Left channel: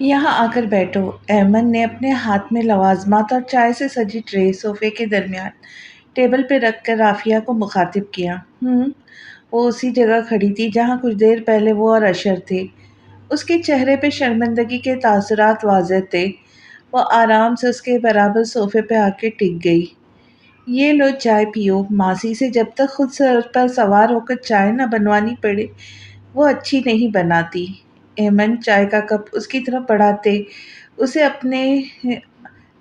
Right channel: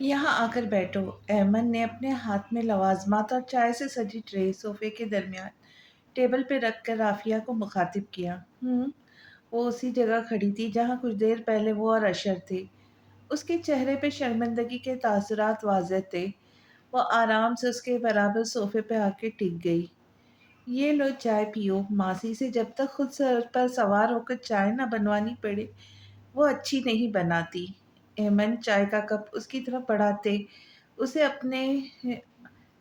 یہاں آ کر بیٹھو۔ ایمن نے اپنے ہاتھ میں لوازمات اور چائے سے سجی ٹرے صوفے کے درمیان ٹیبل پہ رکھ کر رافیہ کو مخاطب کیا۔ وہ اسی جگہ کھڑی تھی جہاں کچھ دیر پہلے وہ اور اشر تھے۔ اس کے چہرے پہ شرمندگی کے تاثرات واضح تھے۔ وہ آرام سے اس کے برابر صوفے پہ آ کے ٹک گئی۔ یہ لو چائے پیو۔ ماسی سے جب تک خود سر پر سوار ہو کر چائے نہ بنوانی پڑے وہ اچھی نہیں بناتی۔ ایمن چائے کا کپ اس کی طرف بڑھاتے اسے اپنے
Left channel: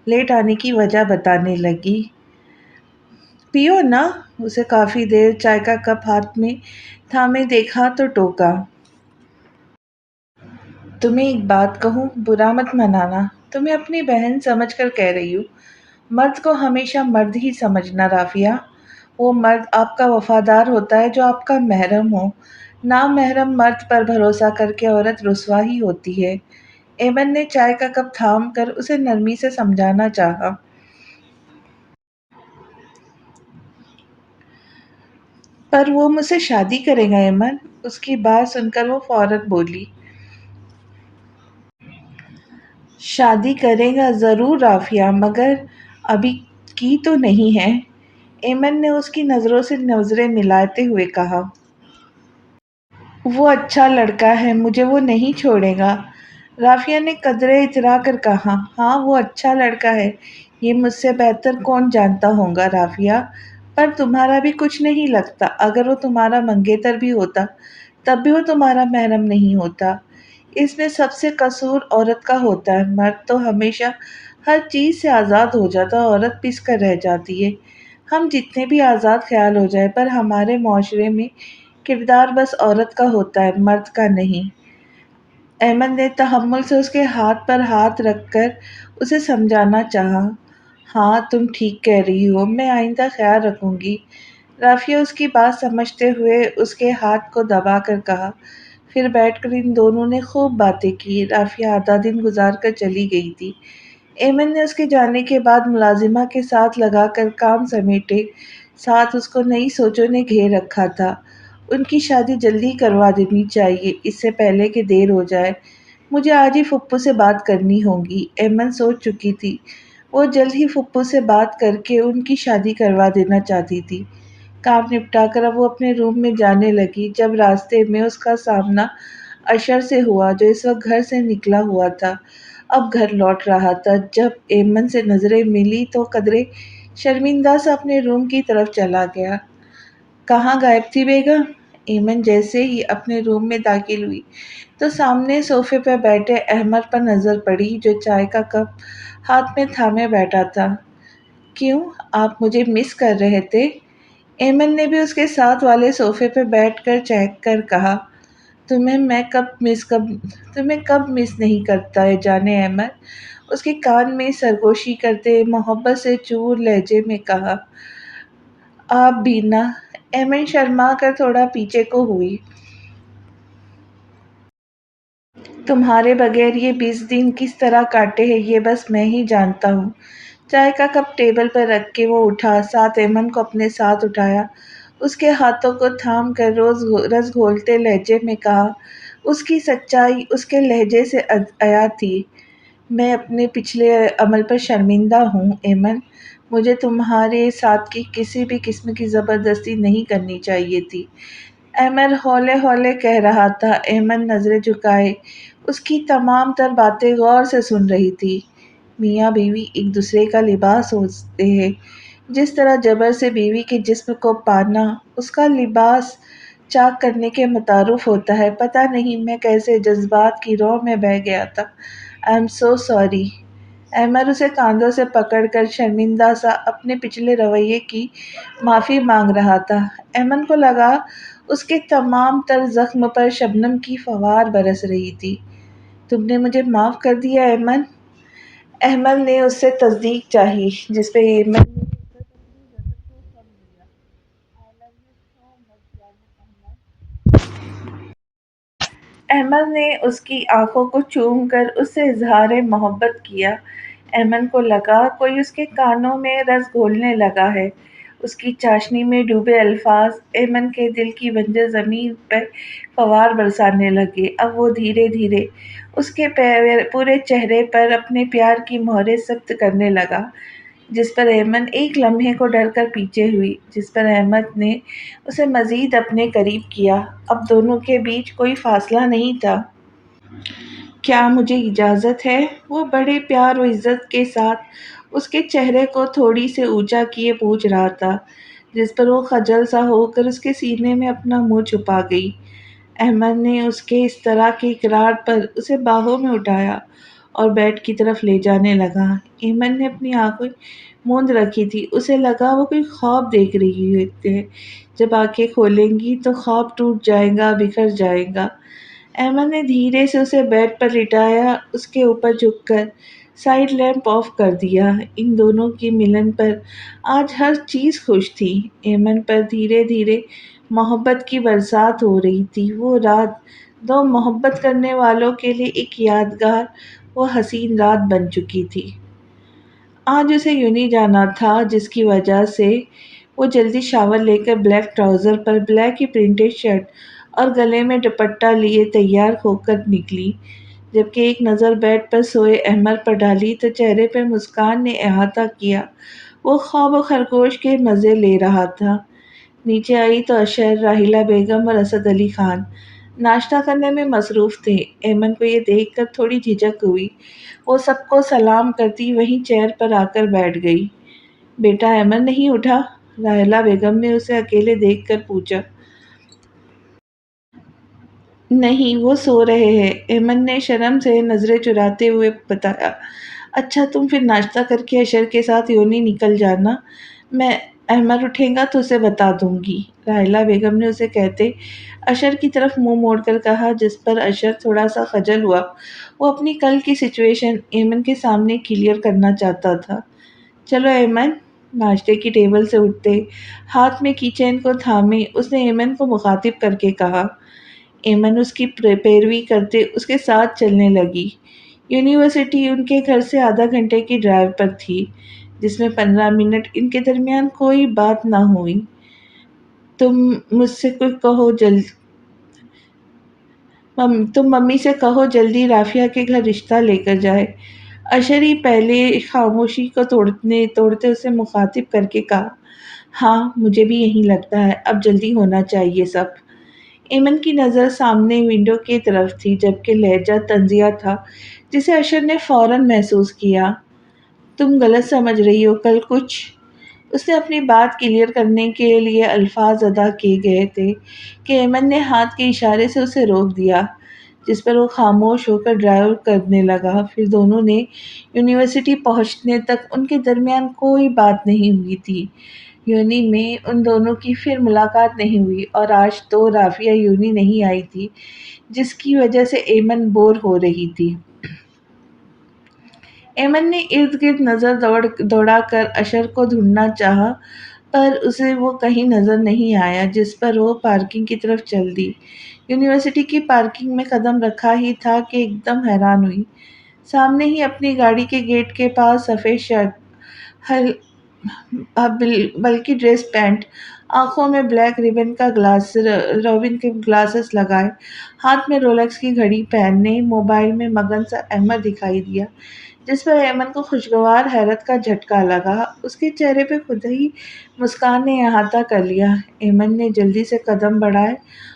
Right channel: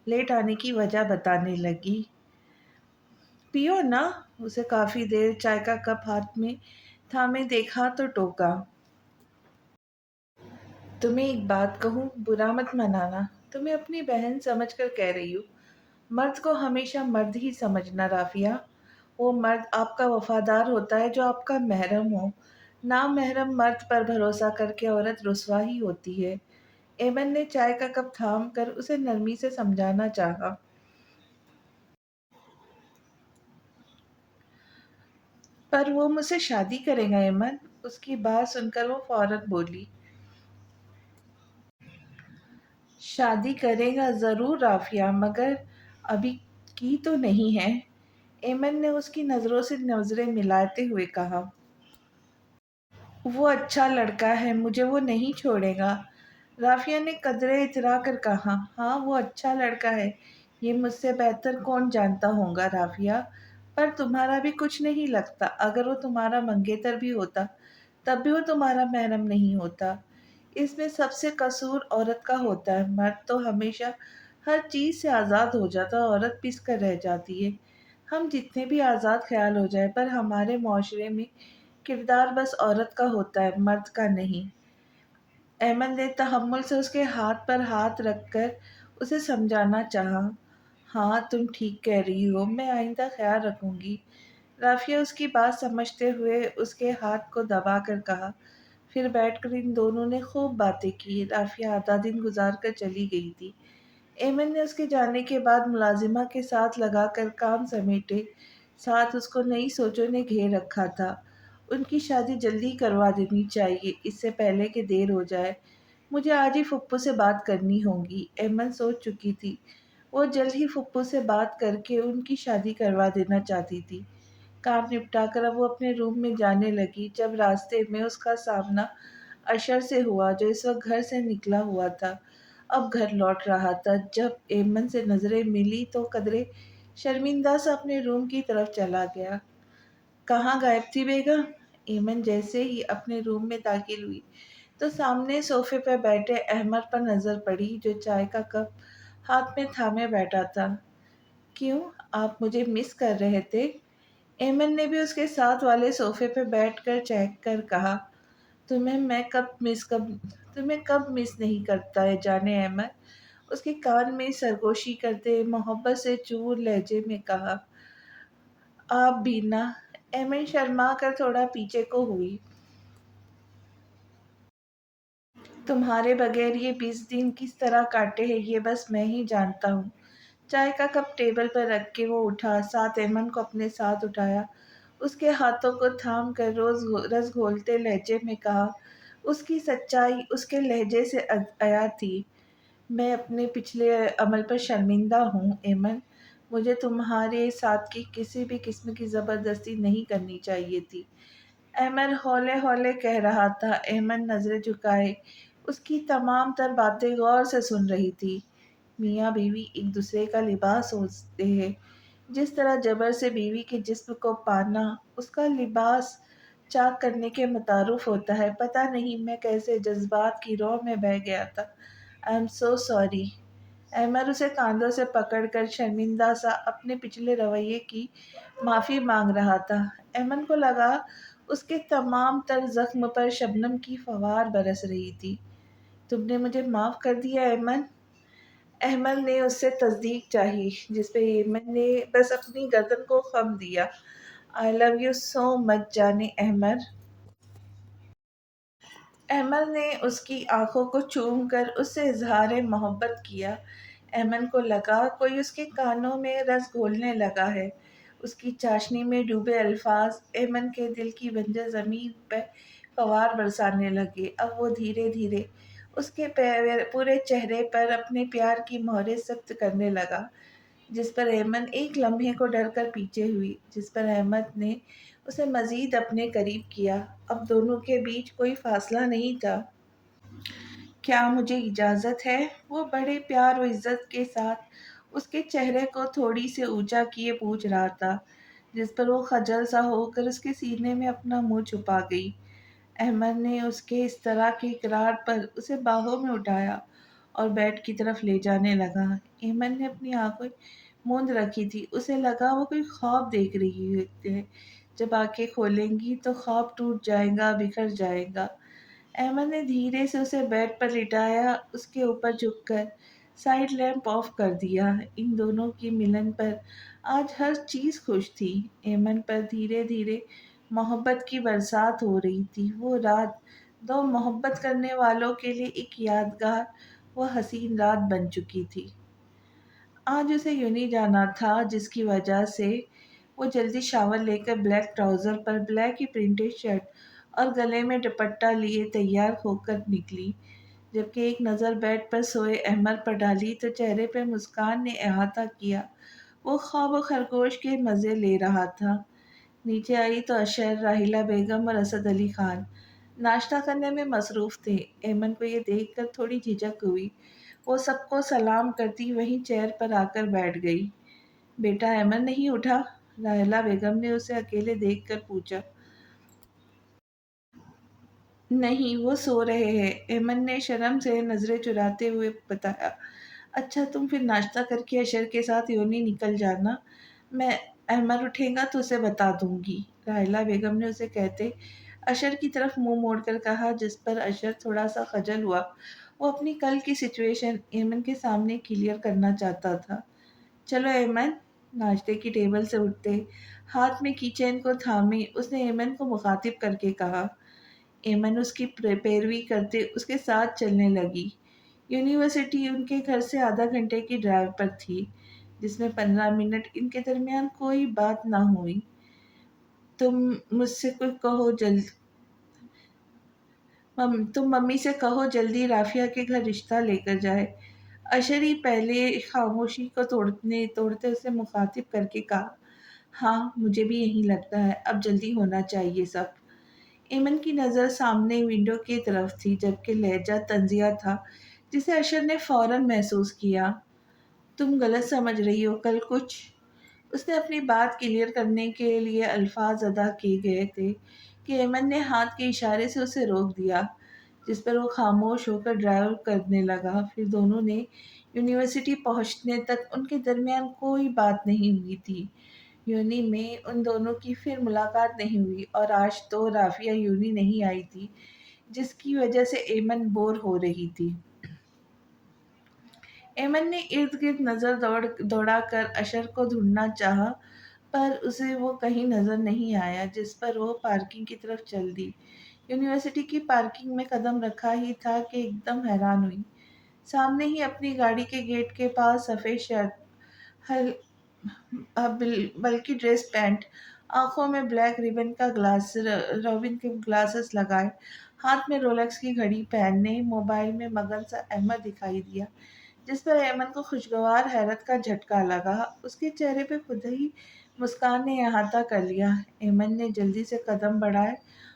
لیٹ آنے کی وجہ بتانے لگی۔ پیو نا۔ اسے کافی دیر چائے کا کپ ہاتھ میں تھامے دیکھا تو ٹوکا۔ تمہیں ایک بات کہوں، برا مت منانا، تمہیں اپنی بہن سمجھ کر کہہ رہی ہوں۔ مرد کو ہمیشہ مرد ہی سمجھنا رافیہ۔ وہ مرد آپ کا وفادار ہوتا ہے جو آپ کا محرم ہو۔ نامحرم مرد پر بھروسہ کر کے عورت رسوا ہی ہوتی ہے۔ ایمن نے چائے کا کپ تھام کر اسے نرمی سے سمجھانا چاہا۔ پر وہ مجھ سے شادی کرے گا ایمن۔ اس کی بات سن کر وہ فوراً بولی۔ شادی کرے گا ضرور رافیہ، مگر ابھی کی تو نہیں ہے۔ ایمن نے اس کی نظروں سے نظریں ملاتے ہوئے کہا۔ وہ اچھا لڑکا ہے، مجھے وہ نہیں چھوڑے گا۔ رافیہ نے قدرے اترا کر کہا۔ ہاں وہ اچھا لڑکا ہے، یہ مجھ سے بہتر کون جانتا ہوگا رافیہ، پر تمہارا بھی کچھ نہیں لگتا۔ اگر وہ تمہارا منگیتر بھی ہوتا تب بھی وہ تمہارا محرم نہیں ہوتا۔ اس میں سب سے قصور عورت کا ہوتا ہے۔ مرد تو ہمیشہ ہر چیز سے آزاد ہو جاتا ہے، عورت پس کر رہ جاتی ہے۔ ہم جتنے بھی آزاد خیال ہو جائے پر ہمارے معاشرے میں کردار بس عورت کا ہوتا ہے، مرد کا نہیں۔ ایمن نے تحمل سے اس کے ہاتھ پر ہاتھ رکھ کر اسے سمجھانا چاہا۔ ہاں تم ٹھیک کہہ رہی ہو، میں آئندہ خیال رکھوں گی۔ رافیہ اس کی بات سمجھتے ہوئے اس کے ہاتھ کو دبا کر کہا۔ پھر بیٹھ کر ان دونوں نے خوب باتیں کی۔ رافیہ آدھا دن گزار کر چلی گئی تھی۔ ایمن نے اس کے جانے کے بعد ملازمہ کے ساتھ لگا کر کام سمیٹے ساتھ اس کو نئی سوچوں نے گھیر رکھا تھا۔ ان کی شادی جلدی کروا دینی چاہیے، اس سے پہلے کہ دیر ہو جائے۔ مجھے آج ہی پھپھو سے بات کرنی ہوگی۔ ایمن سوچ چکی تھی۔ وہ جلد ہی پھپھو سے بات کر کے ان کی شادی کروا دینا چاہتی تھی۔ کام نپٹا کر اب وہ اپنے روم میں جانے لگی جب راستے میں اس کا سامنا اشر سے ہوا جو اس وقت گھر سے نکلا ہوا تھا، اب گھر لوٹ رہا تھا۔ جب ایمن سے نظریں ملی تو قدرے شرمندہ سا اپنے روم کی طرف چلا گیا۔ کہاں غائب تھی بیگم؟ ایمن جیسے ہی اپنے روم میں داخل ہوئی تو سامنے صوفے پر بیٹھے احمد پر نظر پڑی جو چائے کا کپ ہاتھ میں تھامے بیٹھا تھا۔ کیوں، آپ مجھے مس کر رہے تھے؟ ایمن نے بھی اس کے ساتھ والے صوفے پہ بیٹھ کر چہک کر کہا۔ تمہیں کب مس نہیں کرتا ہے جانے احمد؟ اس کے کان میں سرگوشی کرتے محبت سے چور لہجے میں کہا۔ آپ بھی نہ۔ ایمن شرما کر تھوڑا پیچھے کو ہوئی۔ تمہارے بغیر یہ 20 دن کس طرح کاٹے ہیں یہ بس میں ہی جانتا ہوں۔ چائے کا کپ ٹیبل پر رکھ کے وہ اٹھا، ساتھ ایمن کو اپنے ساتھ اٹھایا، اس کے ہاتھوں کو تھام کر رس گھولتے لہجے میں کہا۔ اس کی سچائی اس کے لہجے سے عیا تھی۔ میں اپنے پچھلے عمل پر شرمندہ ہوں ایمن، مجھے تمہارے ساتھ کی کسی بھی قسم کی زبردستی نہیں کرنی چاہیے تھی۔ ایمن ہولے ہولے کہہ رہا تھا۔ ایمن نظریں جھکائے اس کی تمام تر باتیں غور سے سن رہی تھی۔ میاں بیوی ایک دوسرے کا لباس ہوتے ہیں، جس طرح جبر سے بیوی کے جسم کو پانا اس کا لباس چاک کرنے کے مترادف ہوتا ہے۔ پتہ نہیں میں کیسے جذبات کی رو میں بہہ گیا تھا۔ I am so sorry. Ahmed اسے کاندھوں سے پکڑ کر شرمندہ سا اپنے پچھلے رویے کی معافی مانگ رہا تھا۔ ایمن کو لگا اس کے تمام تر زخم پر شبنم کی فوار برس رہی تھی۔ تم نے مجھے معاف کر دیا ایمن؟ احمد نے اس سے تصدیق چاہی، جس پہ ایمن نے بس اپنی گردن کو خم دیا۔ آئی لو یو سو مچ جانے احمد۔ احمد نے اس کی آنکھوں کو چوم کر اس سے اظہار محبت کیا۔ ایمن کو لگا کوئی اس کے کانوں میں رس گھولنے لگا ہے۔ اس کی چاشنی میں ڈوبے الفاظ ایمن کے دل کی بنجر زمین پہ فوار برسانے لگے۔ اب وہ دھیرے دھیرے اس کے پورے چہرے پر اپنے پیار کی مہریں ثبت کرنے لگا، جس پر ایمن ایک لمحے کو ڈر کر پیچھے ہوئی، جس پر احمد نے اسے مزید اپنے قریب کیا۔ اب دونوں کے بیچ کوئی فاصلہ نہیں تھا۔ کیا مجھے اجازت ہے؟ وہ بڑے پیار و عزت کے ساتھ اس کے چہرے کو تھوڑی سے اونچا کیے پوچھ رہا تھا، جس پر وہ خجل سا ہو کر اس کے سینے میں اپنا منہ چھپا گئی۔ احمد نے اس کے اس طرح کے اقرار پر اسے باہوں میں اٹھایا اور بیڈ کی طرف لے جانے لگا۔ ایمن نے اپنی آنکھیں موند رکھی تھی، اسے لگا وہ کوئی خواب دیکھ رہی ہے، جب آنکھیں کھولیں گی تو خواب ٹوٹ جائے گا، بکھر جائے گا۔ احمد نے دھیرے سے اسے بیڈ پر لٹایا، اس کے اوپر جھک کر سائیڈ لیمپ آف کر دیا۔ ان دونوں کی ملن پر آج ہر چیز خوش تھی۔ ایمن پر دھیرے دھیرے محبت کی برسات ہو رہی تھی۔ وہ رات دو محبت کرنے والوں کے لیے ایک یادگار و حسین رات بن چکی تھی۔ آج اسے یونی جانا تھا، جس کی وجہ سے وہ جلدی شاور لے کر بلیک ٹراؤزر پر بلیک ہی پرنٹڈ شرٹ اور گلے میں دوپٹہ لیے تیار ہو کر نکلی۔ جبکہ ایک نظر بیڈ پر سوئے احمد پر ڈالی تو چہرے پہ مسکان نے احاطہ کیا۔ وہ خواب و خرگوش کے مزے لے رہا تھا۔ نیچے آئی تو اشر، راحیلہ بیگم اور اسد علی خان ناشتہ کرنے میں مصروف تھے۔ ایمن کو یہ دیکھ کر تھوڑی جھجک ہوئی۔ وہ سب کو سلام کرتی وہیں چیئر پر آ کر بیٹھ گئی۔ بیٹا ایمن نہیں اٹھا؟ راحیلہ بیگم نے اسے اکیلے دیکھ کر پوچھا۔ نہیں، وہ سو رہے ہیں، ایمن نے شرم سے نظریں چراتے ہوئے بتایا۔ اچھا، تم پھر ناشتہ کر کے اشر کے ساتھ یونی نکل جانا، میں احمد اٹھے گا تو اسے بتا دوں گی، راحیلہ بیگم نے اسے کہتے اشر کی طرف منہ موڑ کر کہا، جس پر اشر تھوڑا سا خجل ہوا۔ وہ اپنی کل کی سچویشن ایمن کے سامنے کلیئر کرنا چاہتا تھا۔ چلو ایمن، ناشتے کی ٹیبل سے اٹھتے ہاتھ میں کی چین کو تھامے اس نے ایمن کو مخاطب کر کے کہا۔ ایمن اس کی پیروی کرتے اس کے ساتھ چلنے لگی۔ یونیورسٹی ان کے گھر سے آدھا گھنٹے کی ڈرائیو پر تھی، جس میں 15 منٹ ان کے درمیان کوئی بات نہ ہوئی۔ تم مجھ سے کوئی کہو جلد تم ممی سے کہو جلدی رافیہ کے گھر رشتہ لے کر جائے، اشری پہلے خاموشی کو توڑتے اسے مخاطب کر کے کہا۔ ہاں، مجھے بھی یہی لگتا ہے، اب جلدی ہونا چاہیے سب۔ ایمن کی نظر سامنے ونڈو کی طرف تھی، جبکہ لہجہ طنزیہ تھا، جسے اشر نے فوراً محسوس کیا۔ تم غلط سمجھ رہی ہو، کل کچھ۔ اس نے اپنی بات کلیئر کرنے کے لیے الفاظ ادا کیے گئے تھے کہ ایمن نے ہاتھ کے اشارے سے اسے روک دیا، جس پر وہ خاموش ہو کر ڈرائیو کرنے لگا۔ پھر دونوں نے یونیورسٹی پہنچنے تک ان کے درمیان کوئی بات نہیں ہوئی تھی۔ یونی میں ان دونوں کی پھر ملاقات نہیں ہوئی، اور آج تو رافیہ یونی نہیں آئی تھی، جس کی وجہ سے ایمن بور ہو رہی تھی۔ ایمن نے ارد گرد نظر دوڑا کر اشر کو ڈھونڈنا چاہا، پر اسے وہ کہیں نظر نہیں آیا، جس پر وہ پارکنگ کی طرف چل دی۔ یونیورسٹی کی پارکنگ میں قدم رکھا ہی تھا کہ ایک دم حیران ہوئی۔ سامنے ہی اپنی گاڑی کے گیٹ کے پاس سفید شرٹ، بلکہ ڈریس پینٹ، آنکھوں میں بلیک روبن کے گلاسز لگائے، ہاتھ میں رولیکس کی گھڑی پہننے موبائل میں مگن سا احمد دکھائی دیا، جس پر ایمن کو خوشگوار حیرت کا جھٹکا لگا۔ اس کے چہرے پہ خود ہی مسکان نے احاطہ کر لیا۔ ایمن نے جلدی سے قدم بڑھائے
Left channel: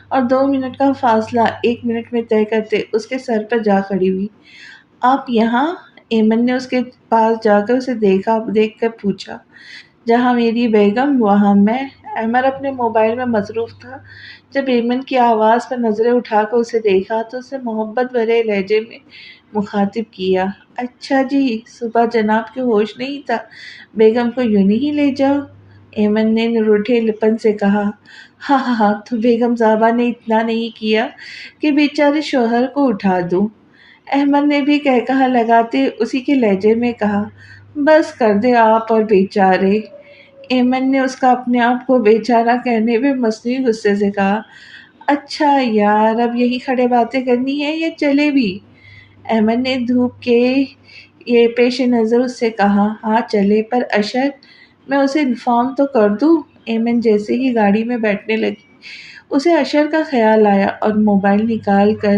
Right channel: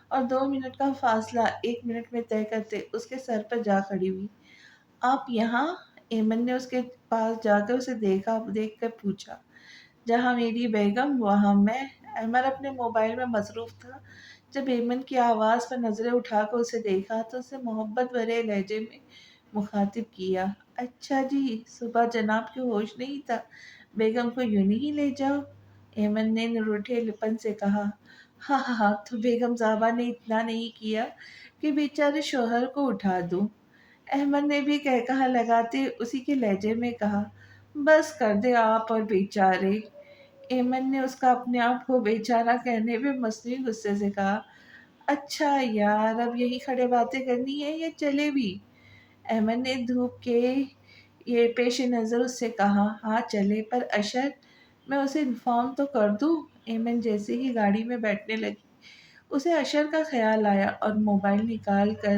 اور 2 منٹ کا فاصلہ 1 منٹ میں طے کرتے اس کے سر پر جا کھڑی ہوئی۔ آپ یہاں؟ ایمن نے اس کے پاس جا کر اسے دیکھ کر پوچھا۔ جہاں میری بیگم وہاں میں۔ احمد اپنے موبائل میں مصروف تھا۔ جب ایمن کی آواز پر نظریں اٹھا کر اسے دیکھا تو اسے محبت بھرے لہجے میں مخاطب کیا۔ اچھا جی، صبح جناب کے ہوش نہیں تھا، بیگم کو یونی ہی لے جاؤ، ایمن نے روٹھے لپن سے کہا۔ ہاں ہاں ہاں، تو بیگم صاحبہ نے اتنا نہیں کیا کہ بیچارے شوہر کو اٹھا دوں، احمد نے بھی قہقہہ لگاتے اسی کے لہجے میں کہا۔ بس کر دے آپ اور بیچارے، ایمن نے اس کا اپنے آپ کو بیچارہ کہنے پہ مصنوعی غصے سے کہا۔ اچھا یار، اب یہی کھڑے باتیں کرنی ہے یا چلے بھی؟ احمد نے دھوپ کے یہ پیش نظر اس سے کہا۔ ہاں چلے، پر اشر، میں اسے انفارم تو کر دوں؟ ایمن جیسے ہی گاڑی میں بیٹھنے لگی، اسے اشر کا خیال آیا اور موبائل نکال کر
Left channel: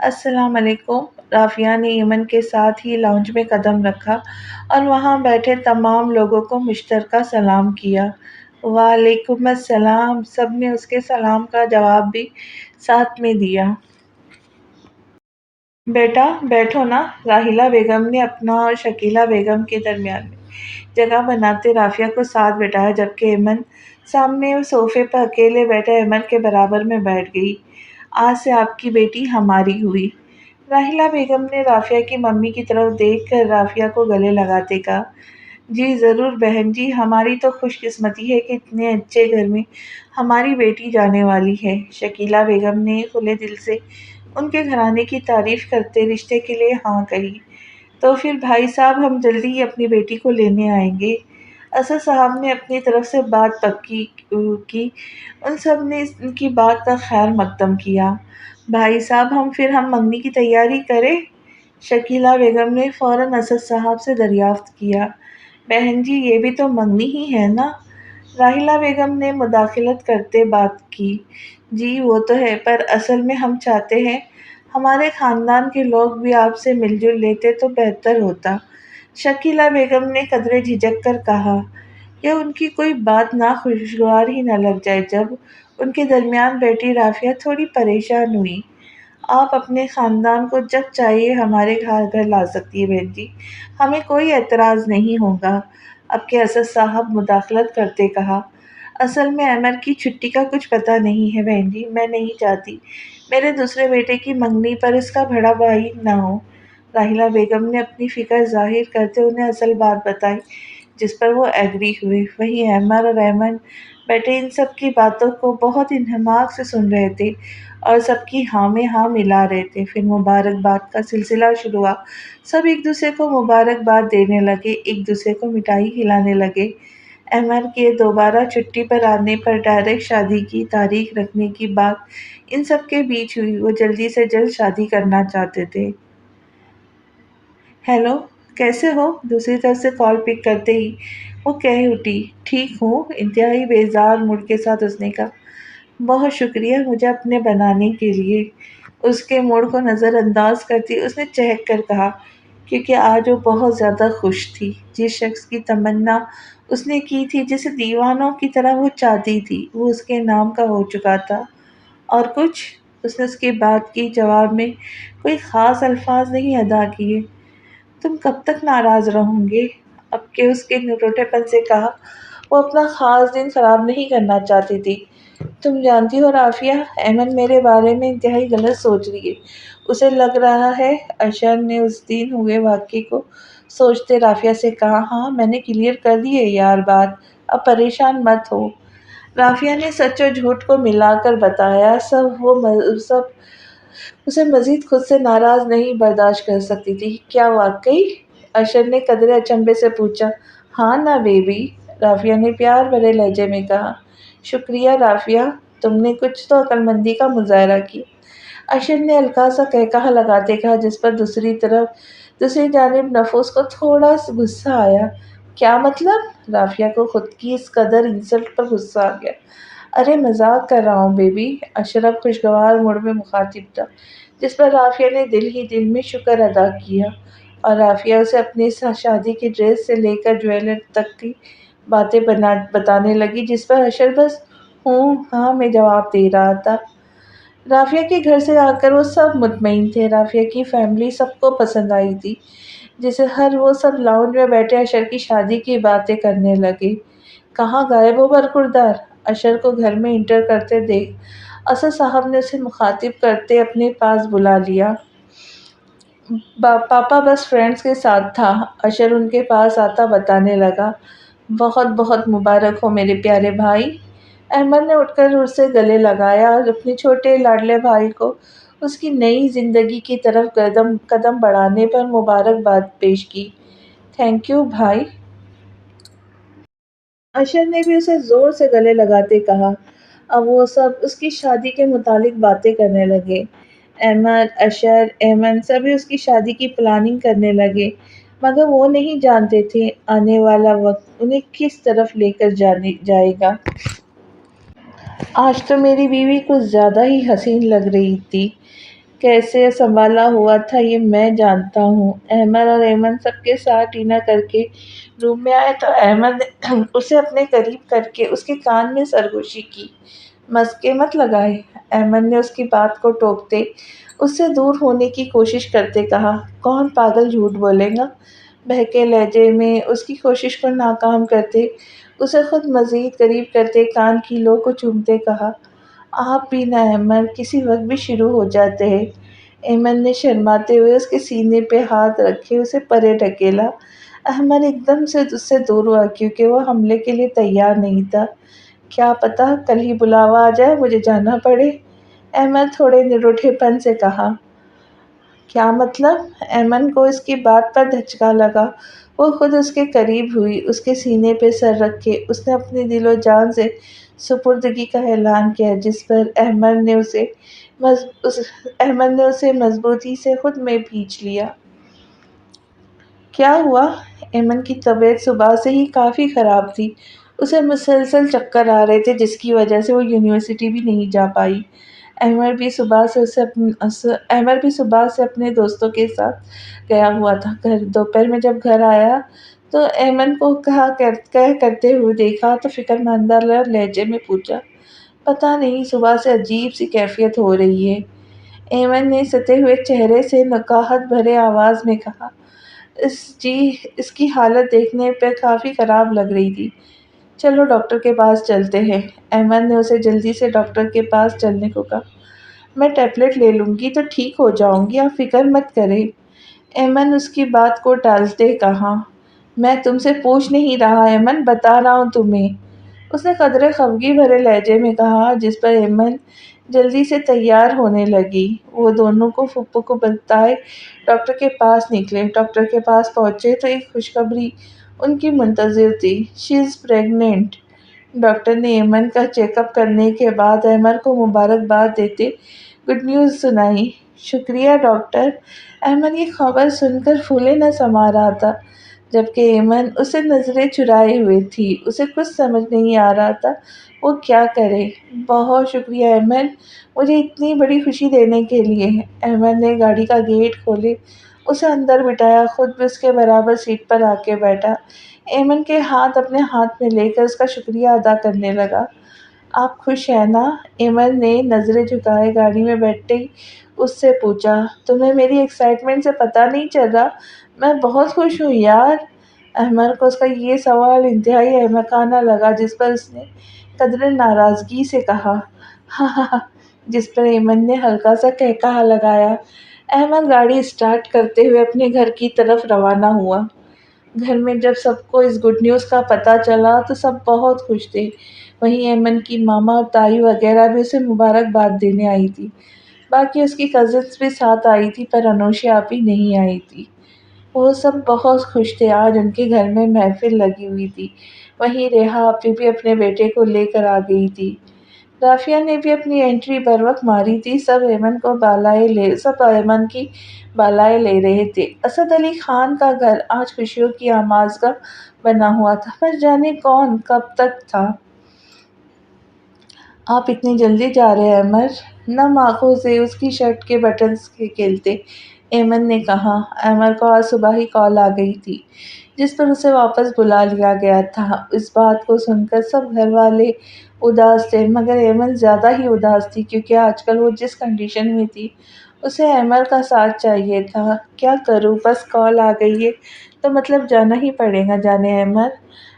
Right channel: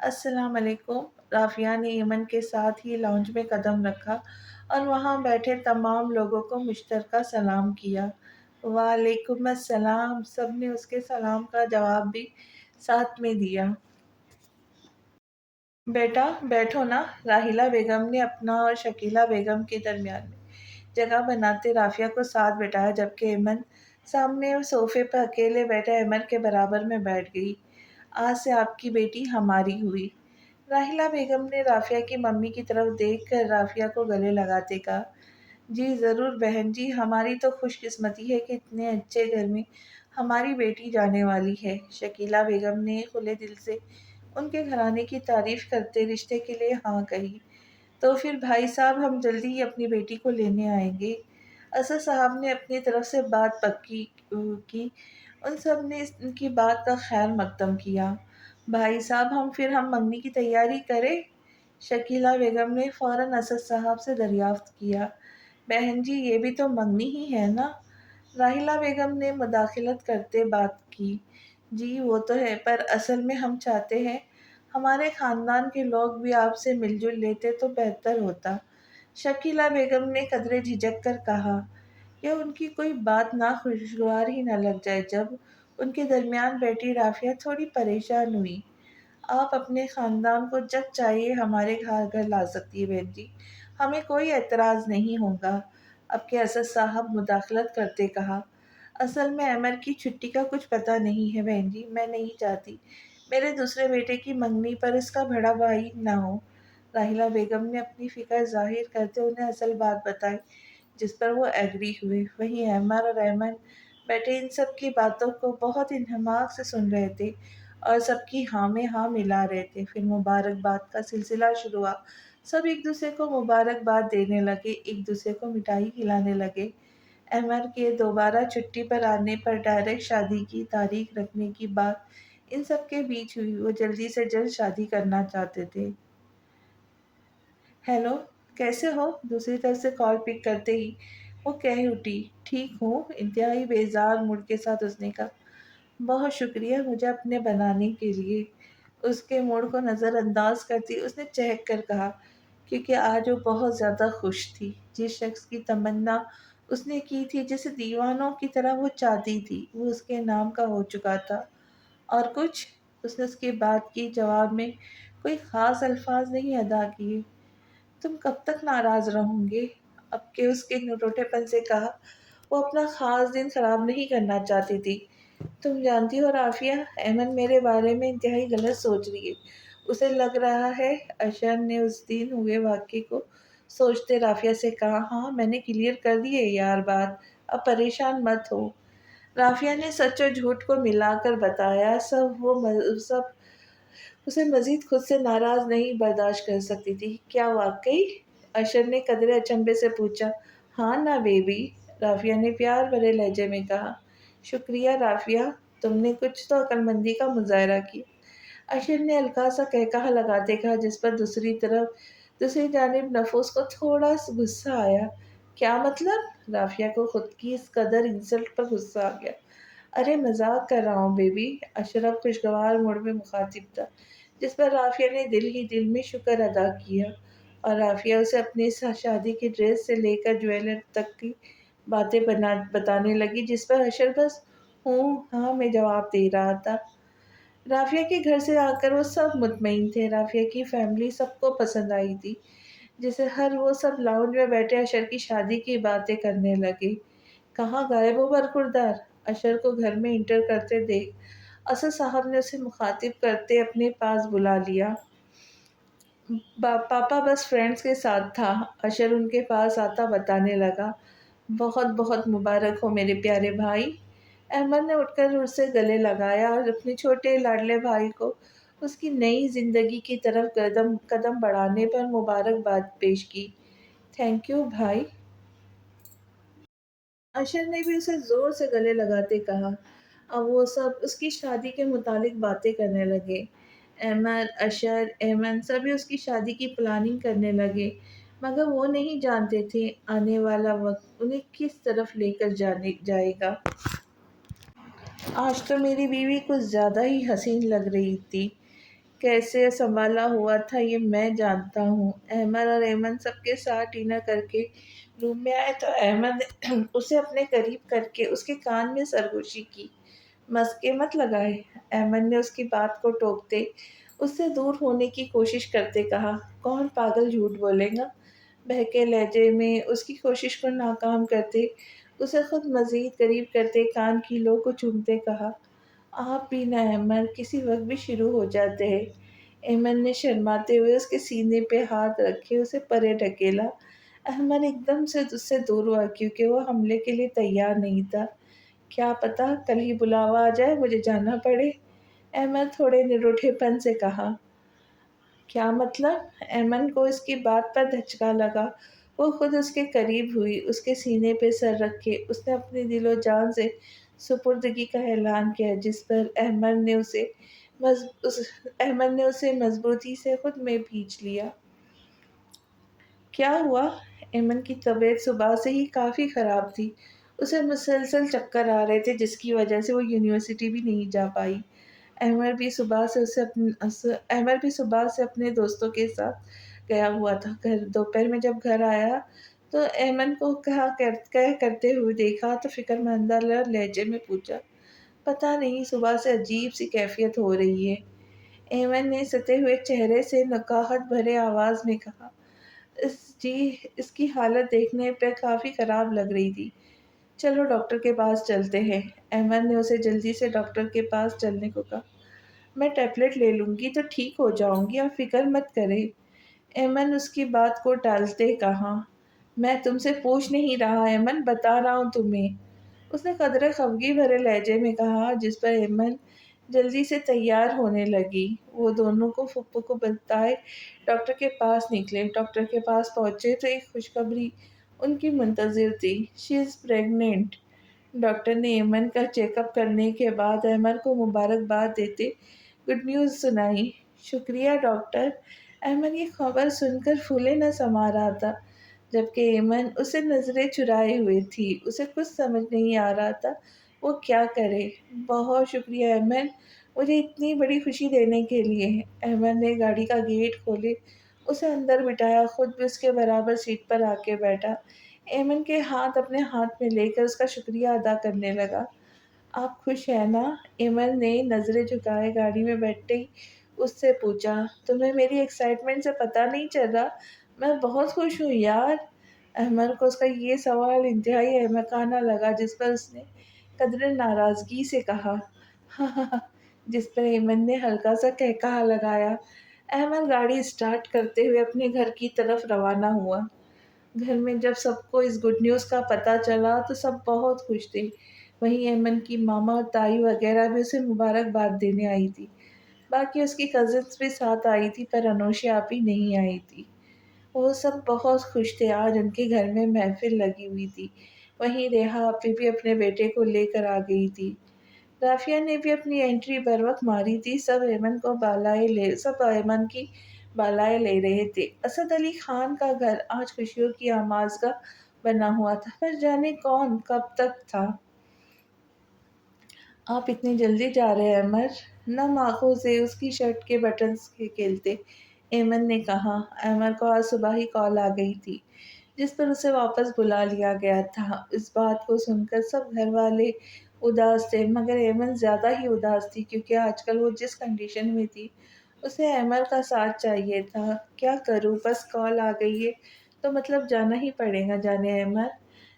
السلام علیکم۔ رافیہ نے ایمن کے ساتھ ہی لاؤنج میں قدم رکھا اور وہاں بیٹھے تمام لوگوں کو مشترکہ سلام کیا۔ وعلیکم السلام، سب نے اس کے سلام کا جواب بھی ساتھ میں دیا۔ بیٹا بیٹھو نا، راحیلہ بیگم نے اپنا اور شکیلہ بیگم کے درمیان میں جگہ بناتے رافیہ کو ساتھ بٹھایا، جبکہ ایمن سامنے صوفے پر اکیلے بیٹھے ایمن کے برابر میں بیٹھ گئی۔ آج سے آپ کی بیٹی ہماری ہوئی۔ راحیلہ بیگم نے رافیہ کی ممی کی طرف دیکھ کر رافیہ کو گلے لگاتے کہا، جی ضرور بہن جی، ہماری تو خوش قسمتی ہے کہ اتنے اچھے گھر میں ہماری بیٹی جانے والی ہے۔ شکیلہ بیگم نے کھلے دل سے ان کے گھرانے کی تعریف کرتے رشتے کے لیے ہاں کہی۔ تو پھر بھائی صاحب، ہم جلدی ہی اپنی بیٹی کو لینے آئیں گے۔ اسد صاحب نے اپنی طرف سے بات پکی کی۔ ان سب نے ان کی بات کا خیر مقدم کیا۔ بھائی صاحب، ہم منگنی کی تیاری کریں؟ شکیلہ بیگم نے فوراً اسد صاحب سے دریافت کیا۔ بہن جی، یہ بھی تو منگنی ہی ہے نا؟ راحیلہ بیگم نے مداخلت کرتے بات کی۔ جی وہ تو ہے، پر اصل میں ہم چاہتے ہیں ہمارے خاندان کے لوگ بھی آپ سے مل جل لیتے تو بہتر ہوتا۔ شکیلہ بیگم نے قدرے جھجک کر کہا کہ ان کی کوئی بات ناخوشگوار ہی نہ لگ جائے۔ جب ان کے درمیان بیٹھی رافیہ تھوڑی پریشان ہوئی۔ آپ اپنے خاندان کو جب چاہیے ہمارے گھر لا سکتی ہے بہن جی، ہمیں کوئی اعتراض نہیں ہوگا۔ اب کے اسد صاحب مداخلت کرتے کہا، اصل میں عمر کی چھٹی کا کچھ پتہ نہیں ہے بہن جی، میں نہیں چاہتی میرے دوسرے بیٹے کی منگنی پر اس کا بڑا بھائی نہ ہو۔ راحیلہ بیگم نے اپنی فکر ظاہر کرتے انہیں اصل بات بتائی، جس پر وہ ایگری ہوئے۔ وہیں عمر اور ایمن بیٹے ان سب کی باتوں کو بہت انہماک سے سن رہے تھے اور سب کی ہاں میں ہاں ملا رہے تھے۔ پھر مبارکباد کا سلسلہ شروع ہوا۔ سب ایک دوسرے کو مبارکباد دینے لگے، ایک دوسرے کو مٹھائی کھلانے لگے۔ عمر کے دوبارہ چھٹی پر آنے پر ڈائریکٹ شادی کی تاریخ رکھنے کی بات ان سب کے بیچ ہوئی۔ وہ جلدی سے جلد شادی کرنا چاہتے تھے۔ ہیلو، کیسے ہو؟ دوسری طرف سے کال پک کرتے ہی وہ کہہ اٹھی، ٹھیک ہوں، انتہائی بیزار موڈ کے ساتھ اس نے کہا۔ بہت شکریہ مجھے اپنے بنانے کے لیے۔ اس کے موڈ کو نظر انداز کرتی اس نے چہک کر کہا، کیونکہ آج وہ بہت زیادہ خوش تھی۔ جس شخص کی تمنا اس نے کی تھی، جسے دیوانوں کی طرح وہ چاہتی تھی، وہ اس کے نام کا ہو چکا تھا۔ اور کچھ؟ اس نے اس کی بات کی جواب میں کوئی خاص الفاظ نہیں ادا کیے۔ تم کب تک ناراض رہوں گے؟ اب کے اس کے نروٹے پن سے کہا۔ وہ اپنا خاص دن خراب نہیں کرنا چاہتی تھی۔ تم جانتی ہو رافیہ، ایمن میرے بارے میں انتہائی غلط سوچ رہی ہے۔ اسے لگ رہا ہے، اشر نے اس دن ہوئے واقعے کو سوچتے رافیہ سے کہا، ہاں میں نے کلیئر کر دی ہے یار بات، اب پریشان مت ہو۔ رافیہ نے سچ و جھوٹ کو ملا کر بتایا سب اسے مزید خود سے ناراض نہیں برداشت کر سکتی تھی۔ کیا واقعی؟ اشر نے قدرے اچنبھے سے پوچھا۔ ہاں نا بیبی، رافیہ نے پیار بھرے لہجے میں کہا۔ شکریہ رافیہ، تم نے کچھ تو عقل مندی کا مظاہرہ کیا، اشر نے ہلکا سا قہقہہ لگاتے کہا، جس پر دوسری جانب نفوس کو تھوڑا سا غصہ آیا۔ کیا مطلب؟ رافیہ کو خود کی اس قدر انسلٹ پر غصہ آ گیا۔ ارے مذاق کر رہا ہوں بیبی، اشر اب خوشگوار موڈ میں مخاطب تھا، جس پر رافیہ نے دل ہی دل میں شکر ادا کیا۔ اور رافیہ اسے اپنی شادی کی ڈریس سے لے کر جویلری تک کی باتیں بتانے لگی، جس پر اشر بس ہوں ہاں میں جواب دے رہا تھا۔ رافیہ کے گھر سے آ کر وہ سب مطمئن تھے۔ رافیہ کی فیملی سب کو پسند آئی تھی، جسے وہ سب لاؤنج میں بیٹھے اشر کی شادی کی باتیں کرنے لگے۔ کہاں غائب ہو برخوردار؟ اشر کو گھر میں انٹر کرتے دیکھ اسد صاحب نے اسے مخاطب کرتے اپنے پاس بلا لیا۔ پاپا بس فرینڈز کے ساتھ تھا، اشر ان کے پاس آتا بتانے لگا۔ بہت بہت مبارک ہو میرے پیارے بھائی۔ احمد نے اٹھ کر اسے گلے لگایا اور اپنے چھوٹے لاڈلے بھائی کو اس کی نئی زندگی کی طرف قدم بڑھانے پر مبارکباد پیش کی۔ تھینک یو بھائی۔ اشر نے بھی اسے زور سے گلے لگاتے کہا۔ اب وہ سب اس کی شادی کے متعلق باتیں کرنے لگے۔ احمد، اشر، ایمن سبھی اس کی شادی کی پلاننگ کرنے لگے، مگر وہ نہیں جانتے تھے آنے والا وقت انہیں کس طرف لے کر جائے گا۔ آج تو میری بیوی کچھ زیادہ ہی حسین لگ رہی تھی، کیسے سنبھالا ہوا تھا یہ میں جانتا ہوں۔ احمد اور ایمن سب کے ساتھ ڈنر کر کے روم میں آئے تو احمد نے اسے اپنے قریب کر کے اس کے کان میں سرگوشی کی۔ مسکے مت لگائے، احمد نے اس کی بات کو ٹوکتے اس سے دور ہونے کی کوشش کرتے کہا۔ کون پاگل جھوٹ بولے گا؟ بہکے لہجے میں اس کی کوشش کو ناکام کرتے اسے خود مزید قریب کرتے کان کی لو کو چومتے کہا۔ آپ بھی نہ احمد، کسی وقت بھی شروع ہو جاتے ہیں۔ ایمن نے شرماتے ہوئے اس کے سینے پہ ہاتھ رکھے اسے پرے ڈھکیلا۔ احمد ایک دم سے اس سے دور ہوا کیونکہ وہ حملے کے لیے تیار نہیں تھا۔ کیا پتا کل ہی بلاوا آ جائے، مجھے جانا پڑے، احمد تھوڑے نروٹھے پن سے کہا۔ کیا مطلب؟ ایمن کو اس کی بات پر دھچکا لگا۔ وہ خود اس کے قریب ہوئی، اس کے سینے پہ سر رکھے اس نے اپنی دل و جان سے سپردگی کا اعلان کیا، جس پر احمد نے اسے مضبوطی سے خود میں بھینچ لیا۔ کیا ہوا؟ ایمن کی طبیعت صبح سے ہی کافی خراب تھی، اسے مسلسل چکر آ رہے تھے جس کی وجہ سے وہ یونیورسٹی بھی نہیں جا پائی۔ احمد بھی صبح سے اپنے دوستوں کے ساتھ گیا ہوا تھا گھر۔ دوپہر میں جب گھر آیا تو ایمن کو کہہ کرتے ہوئے دیکھا تو فکر مندانہ لہجے میں پوچھا، پتہ نہیں صبح سے عجیب سی کیفیت ہو رہی ہے۔ ایمن نے ستے ہوئے چہرے سے نکاہت بھرے آواز میں کہا، اس کی حالت دیکھنے پہ کافی خراب لگ رہی تھی، چلو ڈاکٹر کے پاس چلتے ہیں۔ احمد نے اسے جلدی سے ڈاکٹر کے پاس چلنے کو کہا۔ میں ٹیبلٹ لے لوں گی تو ٹھیک ہو جاؤں گی، آپ فکر مت کریں، ایمن اس کی بات کو ٹالتے کہا۔ میں تم سے پوچھ نہیں رہا ایمن، بتا رہا ہوں تمہیں، اس نے قدرے خفگی بھرے لہجے میں کہا، جس پر ایمن جلدی سے تیار ہونے لگی۔ وہ دونوں کو پھپھو کو بتائے ڈاکٹر کے پاس نکلے۔ ڈاکٹر کے پاس پہنچے تو ایک خوشخبری ان کی منتظر تھی، شی از پریگننٹ۔ ڈاکٹر نے ایمن کا چیک اپ کرنے کے بعد احمد کو مبارکباد دیتے گڈ نیوز سنائی۔ شکریہ ڈاکٹر۔ احمد یہ خبر سن کر پھولے نہ سما رہا تھا، جبکہ ایمن اسے نظریں چرائے ہوئے تھی، اسے کچھ سمجھ نہیں آ رہا تھا وہ کیا کرے۔ بہت شکریہ ایمن، مجھے اتنی بڑی خوشی دینے کے لیے۔ احمد نے گاڑی کا گیٹ کھولے، اسے اندر بٹھایا، خود بھی اس کے برابر سیٹ پر آ کے بیٹھا۔ ایمن کے ہاتھ اپنے ہاتھ میں لے کر اس کا شکریہ ادا کرنے لگا۔ آپ خوش ہیں نا؟ ایمن نے نظریں جھکائے گاڑی میں بیٹھتے ہی اس سے پوچھا۔ تمہیں میری ایکسائٹمنٹ سے پتہ نہیں چل رہا؟ میں بہت خوش ہوں یار۔ احمد کو اس کا یہ سوال انتہائی احمقانہ لگا، جس پر اس نے قدرے ناراضگی سے کہا، ہاں ہاں ہاں، جس پر ایمن نے ہلکا سا قہقہہ لگایا۔ احمد گاڑی اسٹارٹ کرتے ہوئے اپنے گھر کی طرف روانہ ہوا۔ گھر میں جب سب کو اس گڈ نیوز کا پتہ چلا تو سب بہت خوش تھے۔ وہیں ایمن کی ماما اور تائی وغیرہ بھی اسے مبارکباد دینے آئی تھی۔ باقی اس کی کزنس بھی ساتھ آئی تھی پر انوشیا آپی نہیں آئی تھی۔ وہ سب بہت خوش تھے، آج ان کے گھر میں محفل لگی ہوئی تھی۔ وہیں ریحا آپی بھی اپنے بیٹے کو لے کر آ گئی تھی۔ رافیہ نے بھی اپنی انٹری بروقت ماری تھی۔ سب ایمن کی بالائے لے رہے تھے۔ اسد علی خان کا گھر آج خوشیوں کی آمازگاہ بنا ہوا تھا، پر جانے کون کب تک تھا۔ آپ اتنی جلدی جا رہے ہیں احمد؟ نم آنکھوں سے اس کی شرٹ کے بٹنز کھیلتے ایمن نے کہا۔ احمد کو آج صبح ہی کال آ گئی تھی، جس پر اسے واپس بلا لیا گیا تھا۔ اس بات کو سن کر سب گھر والے اداس تھے، مگر ایمن زیادہ ہی اداس تھی کیونکہ آج کل وہ جس کنڈیشن میں تھی اسے احمد کا ساتھ چاہیے تھا۔ کیا کروں، بس کال آ گئی ہے تو مطلب جانا ہی پڑے گا جانے احمد۔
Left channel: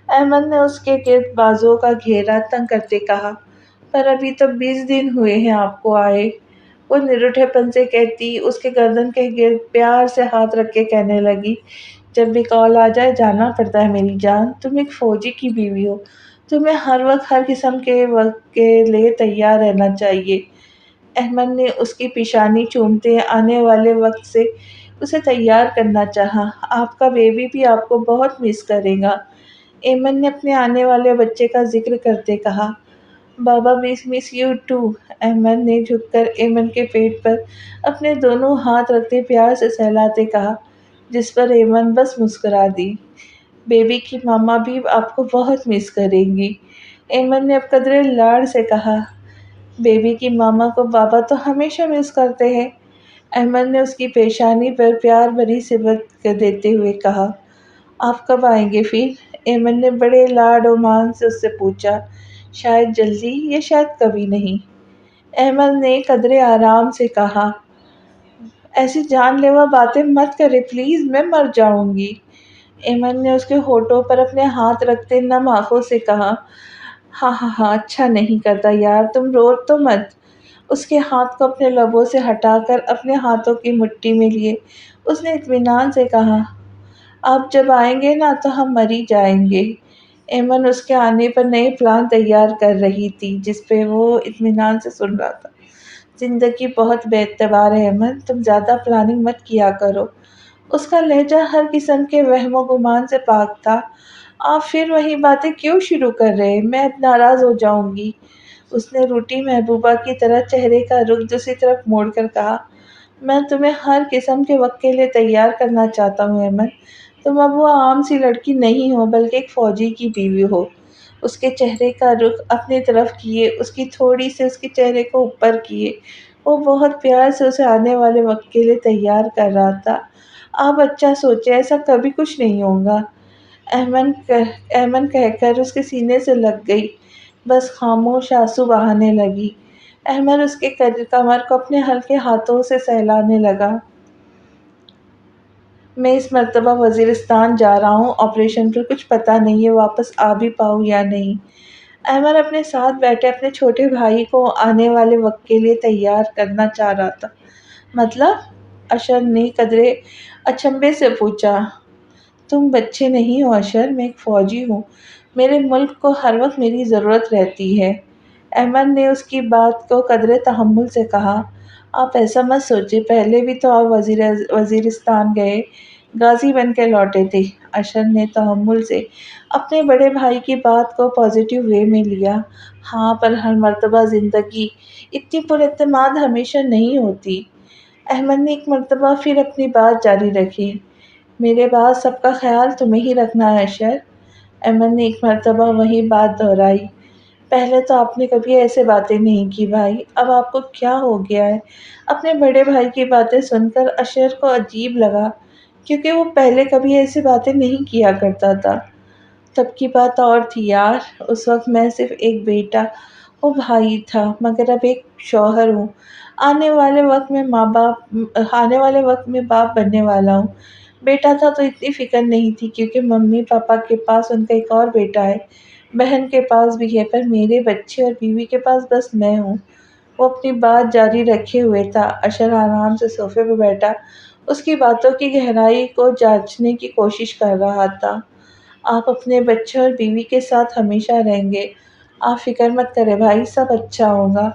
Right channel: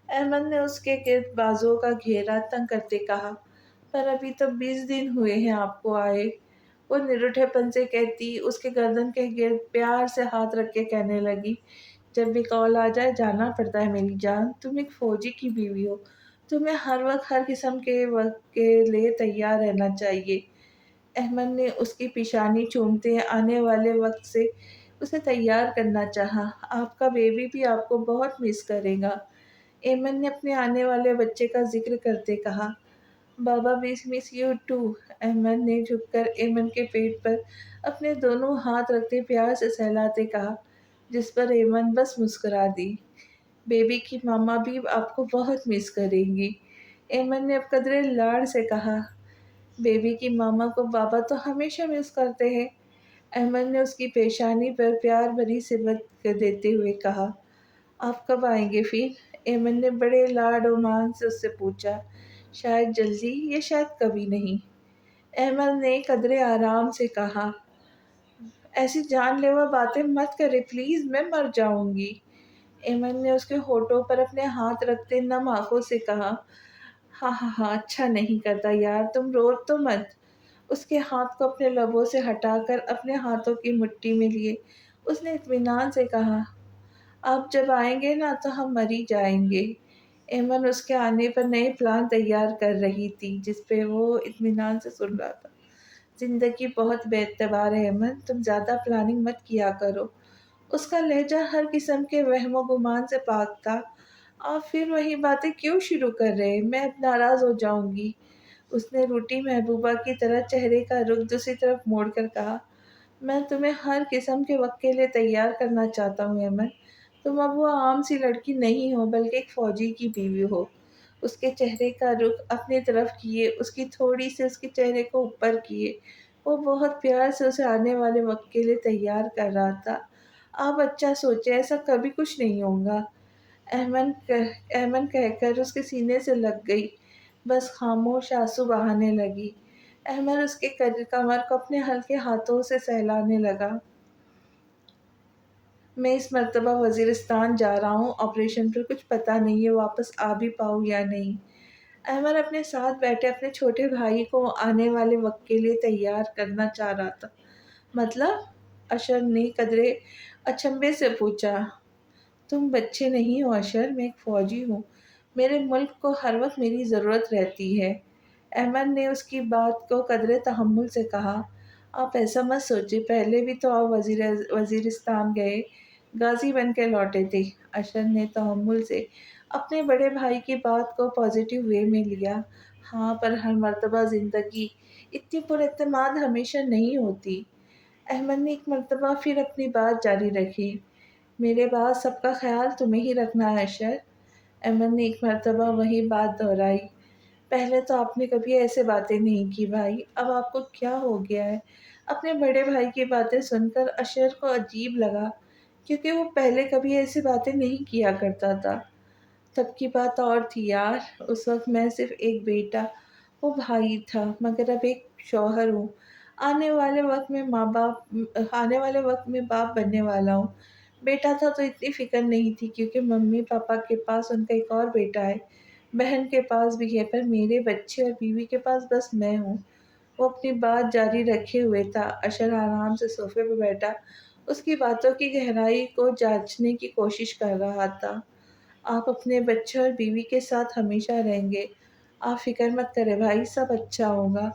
احمد نے اس کے گرد بازوؤں کا گھیرا تنگ کرتے کہا، پر ابھی تو 20 دن ہوئے ہیں آپ کو آئے، وہ نروٹھے پن سے کہتی اس کے گردن کے گرد پیار سے ہاتھ رکھ کے کہنے لگی، جب بھی کال آ جائے جانا پڑتا ہے میری جان، تم ایک فوجی کی بیوی ہو، تمہیں ہر وقت ہر قسم کے وقت کے لیے تیار رہنا چاہیے۔ احمد نے اس کی پیشانی چومتے آنے والے وقت سے اسے تیار کرنا چاہا۔ آپ کا بیبی بھی آپ کو بہت مس کرے گا، ایمن نے اپنے آنے والے بچے کا ذکر کرتے کہا۔ بابا مس یو ٹو، احمد نے جھک کر ایمن کے پیٹ پر اپنے دونوں ہاتھ رکھتے پیار سے سہلاتے کہا، جس پر ایمن بس مسکرا دی۔ بیبی کی ماما بھی آپ کو بہت مس کرے گی، ایمن نے اب قدرے لاڑ سے کہا۔ بیبی کی ماما کو بابا تو ہمیشہ مس کرتے ہیں، احمد نے اس کی پیشانی پر پیار بھری صبر دیتے ہوئے کہا، آپ کب آئیں گے پھر؟ ایمن نے بڑے لاڈ و مان سے اس سے پوچھا۔ شاید جلدی یا شاید کبھی نہیں، احمد نے قدرے آرام سے کہا۔ ایسی جان لیوا باتیں مت کرے پلیز، میں مر جاؤں گی۔ ایمن نے اس کے ہونٹوں پر اپنے ہاتھ رکھتے نم آنکھوں سے کہا، ہاں ہاں ہاں، اچھا نہیں کرتا یار، تم رو تو مت۔ اس کے ہاتھ کو اپنے لبوں سے ہٹا کر اپنے ہاتھوں کی مٹھی میں لیے اس نے اطمینان سے کہا، آپ جب آئیں گے نا تو ہم مر ہی جائیں گے۔ ایمن اس کے آنے پر نئے پلان تیار کر رہی تھی جس پہ وہ اطمینان سے سن رہا تھا۔ زندگی بہت بے اعتبار ہے ایمن، تم زیادہ پلاننگ مت کیا کرو۔ اس کا لہجہ ہر قسم کے وہم و گمان سے پاک تھا۔ آپ پھر وہی باتیں کیوں شروع کر رہے؟ میں اب ناراض ہو جاؤں گی۔ اس نے روٹی محبوبہ کی طرح چہرے کا رخ دوسری طرف موڑ کر کہا، میں تمہیں ہر قسم کے وقت کے لیے تیار کرنا چاہتا ہوں ایمن۔ تم اب وہ عام سی لڑکی نہیں ہو بلکہ ایک فوجی کی بیوی ہو۔ اس کے چہرے کا رخ اپنی طرف کیے، اس کی تھوڑی سے اس کے چہرے کو اوپر کیے، وہ بہت پیار سے اسے آنے والے وقت کے لیے تیار کر رہا تھا۔ آپ اچھا سوچے، ایسا کبھی کچھ نہیں ہوگا۔ ایمن کہہ کر اس کے سینے سے لگ گئی، بس خاموش آنسو بہانے لگی۔ احمد اس کے کمر کو اپنے ہلکے ہاتھوں سے سہلانے لگا۔ میں اس مرتبہ وزیرستان جا رہا ہوں، آپریشن پر کچھ پتہ نہیں ہے واپس آ بھی پاؤں یا نہیں۔ احمد اپنے ساتھ بیٹھے اپنے چھوٹے بھائی کو آنے والے وقت کے لیے تیار کرنا چاہ رہا تھا۔ مطلب؟ اشر نے قدرے اچنبھے سے پوچھا۔ تم بچے نہیں ہو اشر، میں ایک فوجی ہوں، میرے ملک کو ہر وقت میری ضرورت رہتی ہے۔ احمد نے اس کی بات کو قدرے تحمل سے کہا، آپ ایسا مت سوچے، پہلے بھی تو آپ وزیرستان گئے، غازی بن کے لوٹے تھے۔ اشر نے تحمل سے اپنے بڑے بھائی کی بات کو پازیٹیو وے میں لیا۔ ہاں، پر ہر مرتبہ زندگی اتنی پر اعتماد ہمیشہ نہیں ہوتی۔ احمد نے ایک مرتبہ پھر اپنی بات جاری رکھی، میرے بعد سب کا خیال تمہیں ہی رکھنا ہے اشر۔ احمد نے ایک مرتبہ وہی بات دہرائی، پہلے تو آپ نے کبھی ایسے باتیں نہیں کی بھائی، اب آپ کو کیا ہو گیا ہے؟ اپنے بڑے بھائی کی باتیں سن کر اشر کو عجیب لگا کیونکہ وہ پہلے کبھی ایسی باتیں نہیں کیا کرتا تھا۔ تب کی بات اور تھی یار، اس وقت میں صرف ایک بیٹا و بھائی تھا، مگر اب ایک شوہر ہوں، آنے والے وقت میں باپ بننے والا ہوں۔ بیٹا تھا تو اتنی فکر نہیں تھی کیونکہ ممی پاپا کے پاس ان کا ایک اور بیٹا ہے، بہن کے پاس بھی ہے، پر میرے بچے اور بیوی کے پاس بس میں ہوں۔ وہ اپنی بات جاری رکھے ہوئے تھا۔ اشر آرام سے صوفے پہ بیٹھا اس کی باتوں کی گہرائی کو جانچنے کی کوشش کر رہا تھا۔ آپ اپنے بچے اور بیوی کے ساتھ ہمیشہ رہیں گے، آپ فکر مت کریں بھائی، سب اچھا ہوگا۔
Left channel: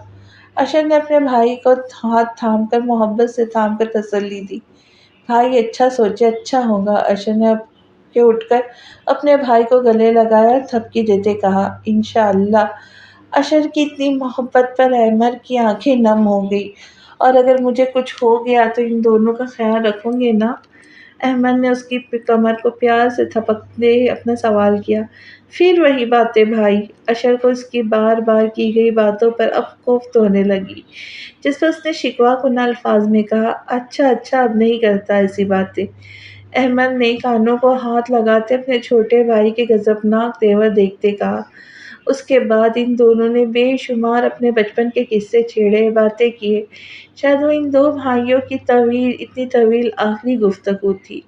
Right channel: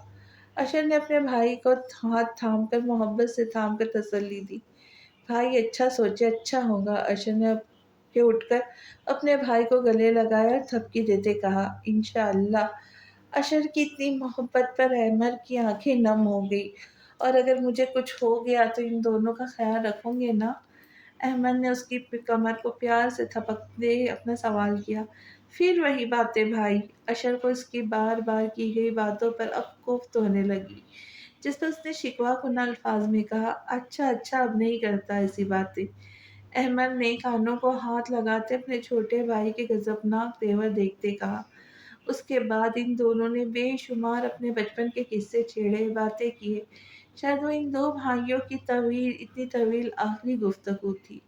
اشر نے اپنے بھائی کو ہاتھ تھام کر محبت سے تھام کر تسلی دی۔ بھائی اچھا سوچے، اچھا ہوگا۔ اشر نے اب کے اٹھ کر اپنے بھائی کو گلے لگایا اور تھپکی دیتے کہا، انشاءاللہ۔ اشر کی اتنی محبت پر احمد کی آنکھیں نم ہو گئی، اور اگر مجھے کچھ ہو گیا تو ان دونوں کا خیال رکھوں گے نا؟ احمد نے اس کی کمر کو پیار سے تھپکتے اپنا سوال کیا۔ پھر وہی باتیں بھائی؟ اشر کو اس کی بار بار کی گئی باتوں پر اب کوفت ہونے لگی، جس پر اس نے شکوہ کنہ الفاظ میں کہا، اچھا اچھا، اب نہیں کرتا ایسی باتیں۔ احمد نے کانوں کو ہاتھ لگاتے اپنے چھوٹے بھائی کے غضبناک تیور دیکھتے کہا۔ اس کے بعد ان دونوں نے بے شمار اپنے بچپن کے قصے چھیڑے، باتیں کیے، شاید وہ ان دو بھائیوں کی اتنی طویل آخری گفتگو تھی۔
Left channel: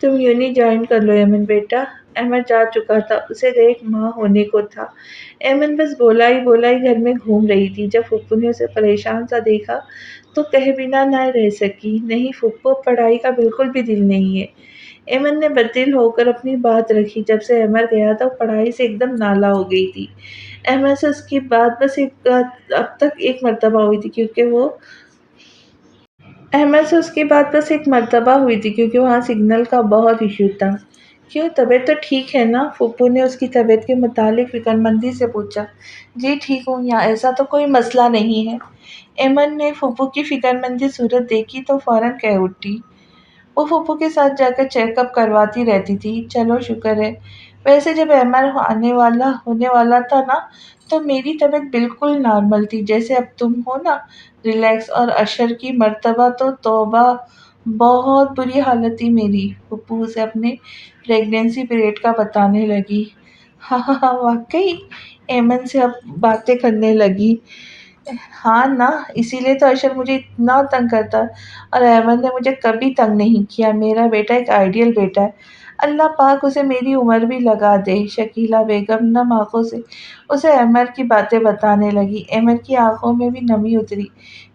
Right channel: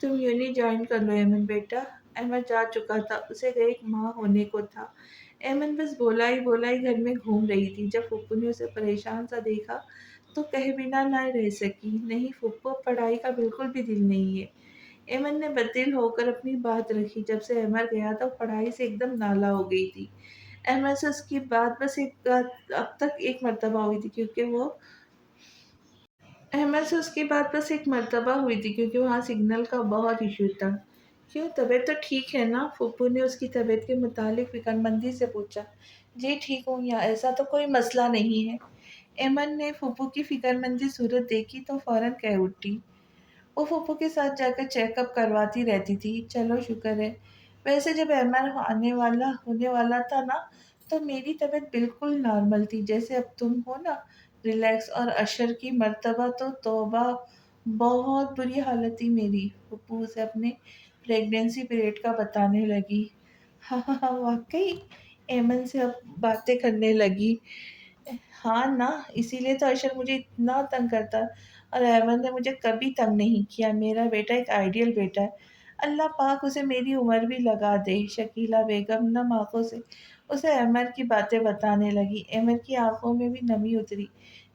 تم یونی جوائن کر لو ایمن بیٹا۔ احمد جا چکا تھا، اسے 1 ماہ ہونے کو تھا۔ ایمن بس بولا ہی گھر میں گھوم رہی تھی۔ جب پھپھو نے اسے پریشان سا دیکھا تو کہے بنا نہ رہ سکی، نہیں پھپھو، پڑھائی کا بالکل بھی دل نہیں ہے۔ ایمن نے بددل ہو کر اپنی بات رکھی، جب سے احمد گیا تھا وہ پڑھائی سے ایک دم نالا ہو گئی تھی۔ احمد سے اس کی بات اب تک ایک مرتبہ ہوئی تھی کیونکہ وہاں سگنل کا بہت ایشو تھا۔ کیوں، طبیعت تو ٹھیک ہے نا؟ پھپھو نے اس کی طبیعت کے متعلق فکر مندی سے پوچھا۔ جی ٹھیک ہوں، یہاں ایسا تو کوئی مسئلہ نہیں ہے۔ ایمن نے پھپھو کی فکر مندی صورت دیکھی تو فوراً کہہ اٹھی، وہ پھپھو کے ساتھ جا کر چیک اپ کرواتی رہتی تھی۔ چلو شکر ہے، ویسے جب احمد ہونے والا تھا نا تو میری طبیعت بالکل نارمل تھی، جیسے اب تم ہو نا، ریلیکس۔ اور اشر کی مرتبہ تو توبہ، بہت بری حالت تھی میری۔ پھپھو اسے اپنے پریگنینسی پیریڈ کا بتانے لگی۔ ہاں ہاں ہاں، واقعی؟ ایمن سے اب باتیں کرنے لگی۔ ہاں نا، اسی لیے تو اشر مجھے اتنا تنگ کرتا ہے، اور احمد نے مجھے کبھی تنگ نہیں کیا۔ میرا بیٹا ایک آئیڈیل بیٹا ہے، اللہ پاک اسے میری عمر بھی لگا دے۔ شکیلہ بیگم نم آنکھوں سے اسے احمد کی باتیں بتانے لگی۔ احمد کی آنکھوں میں بھی نمی اتری،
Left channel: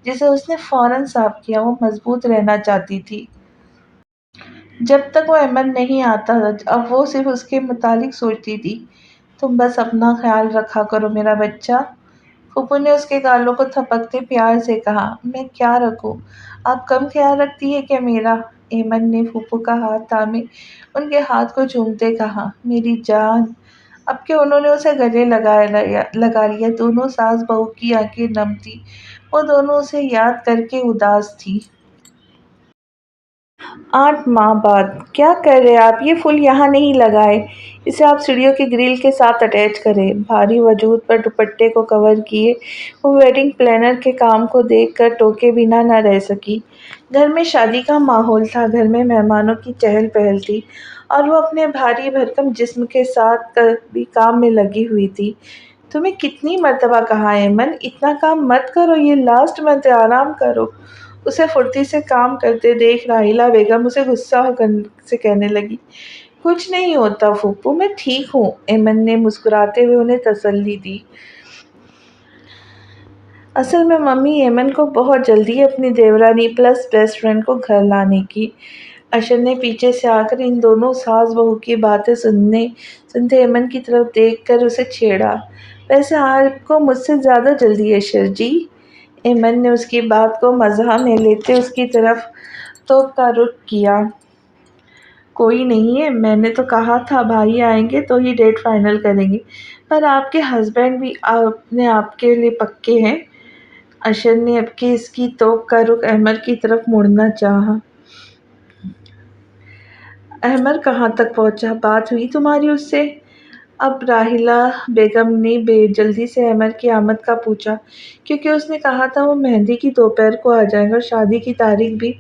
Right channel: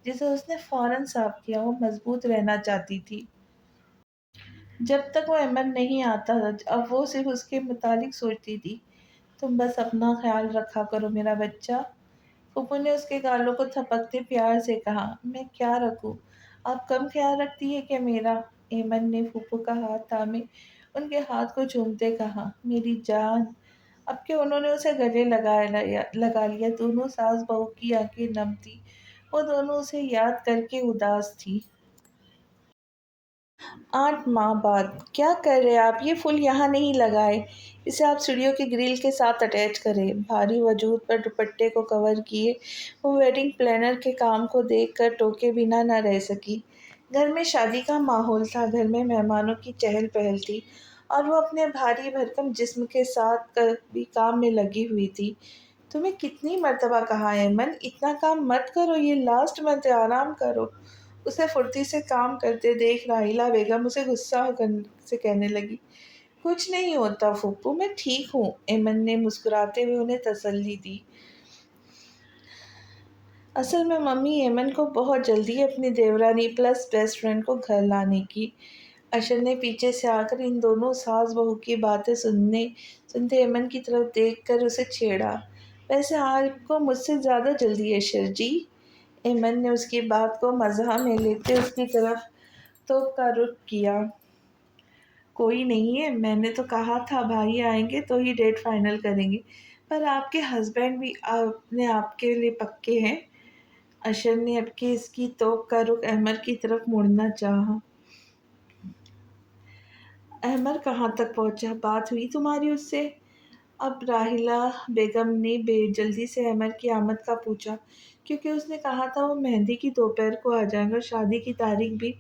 جسے اس نے فوراً صاف کیا۔ وہ مضبوط رہنا چاہتی تھی جب تک وہ احمد نہیں آتا تھا، اب وہ صرف اس کے متعلق سوچتی تھی۔ تم بس اپنا خیال رکھا کرو میرا بچہ، پھوپھو نے اس کے گالوں کو تھپکتے پیار سے کہا۔ میں کیا رکھوں، آپ کم خیال رکھتی ہے کیا میرا؟ ایمن نے پھوپھو کا ہاتھ تھامے ان کے ہاتھ کو چومتے کہا۔ میری جان! اب کہ انہوں نے اسے گلے لگا لیا، دونوں ساس بہو کی آنکھیں نم تھی، وہ دونوں اسے یاد کر کے اداس تھی۔ 8 ماہ بعد کیا کر رہے آپ؟ یہ پھول یہاں نہیں لگائے، اسے آپ سیڑھیوں کے گرل کے ساتھ اٹیچ کریں۔ بھاری وجود پر دوپٹے کو کور کیے وہ ویڈنگ پلانر کے کام کو دیکھ کر ٹوکے بنا نہ رہ سکی۔ گھر میں شادی کا ماحول تھا، گھر میں مہمانوں کی چہل پہل تھی، اور وہ اپنے بھاری بھرکم جسم کے ساتھ بھی کام میں لگی ہوئی تھی۔ تمہیں کتنی مرتبہ کہا ایمن، اتنا کام مت کرو، یہ لاسٹ منتھ ہے، آرام کرو۔ اسے پھرتی سے کام کرتے دیکھ راحیلہ بیگم اسے غصہ سے کہنے لگی۔ کچھ نہیں ہوتا پھوپھو، میں ٹھیک ہوں، ایمن نے مسکراتے ہوئے انہیں تسلی دی۔ اصل میں ممی، ایمن کو بہت جلدی ہے اپنی دیورانی پلس بیسٹ فرینڈ کو گھر لانے کی۔ اشر نے پیچھے سے آ کر ان دونوں ساس بہو کی باتیں سنتے ایمن کی طرف دیکھ کر اسے چھیڑا۔ ویسے آپ کو مجھ سے زیادہ جلدی ہے اشر جی؟ ایمن نے اس کی بات کو مزاح میں لیتے اس کی طرف توپ کا رخ کیا۔ کوئی نہیں ہے، میں نے تو کہا تھا بھائی آئیں گے تو ہی ڈیٹ فائنل کریں گے، پر آپ کے ہسبینڈ بھی اپنے آپ کے لیے پکے ہیں۔ اشر نے اب کے اس کی توپ کا رخ احمد کی طرف موڑنا چاہا۔ احمد کہاں تک پہنچا، بات ہوئی تمہاری اس سے؟ اب راحیلہ بیگم نے بے جلدی سے احمد کی آمد کا پوچھا، کیونکہ اس نے کہا تھا وہ مہندی کی دوپہر کو آ جائیں گے، اور شادی کی تاریخ بھی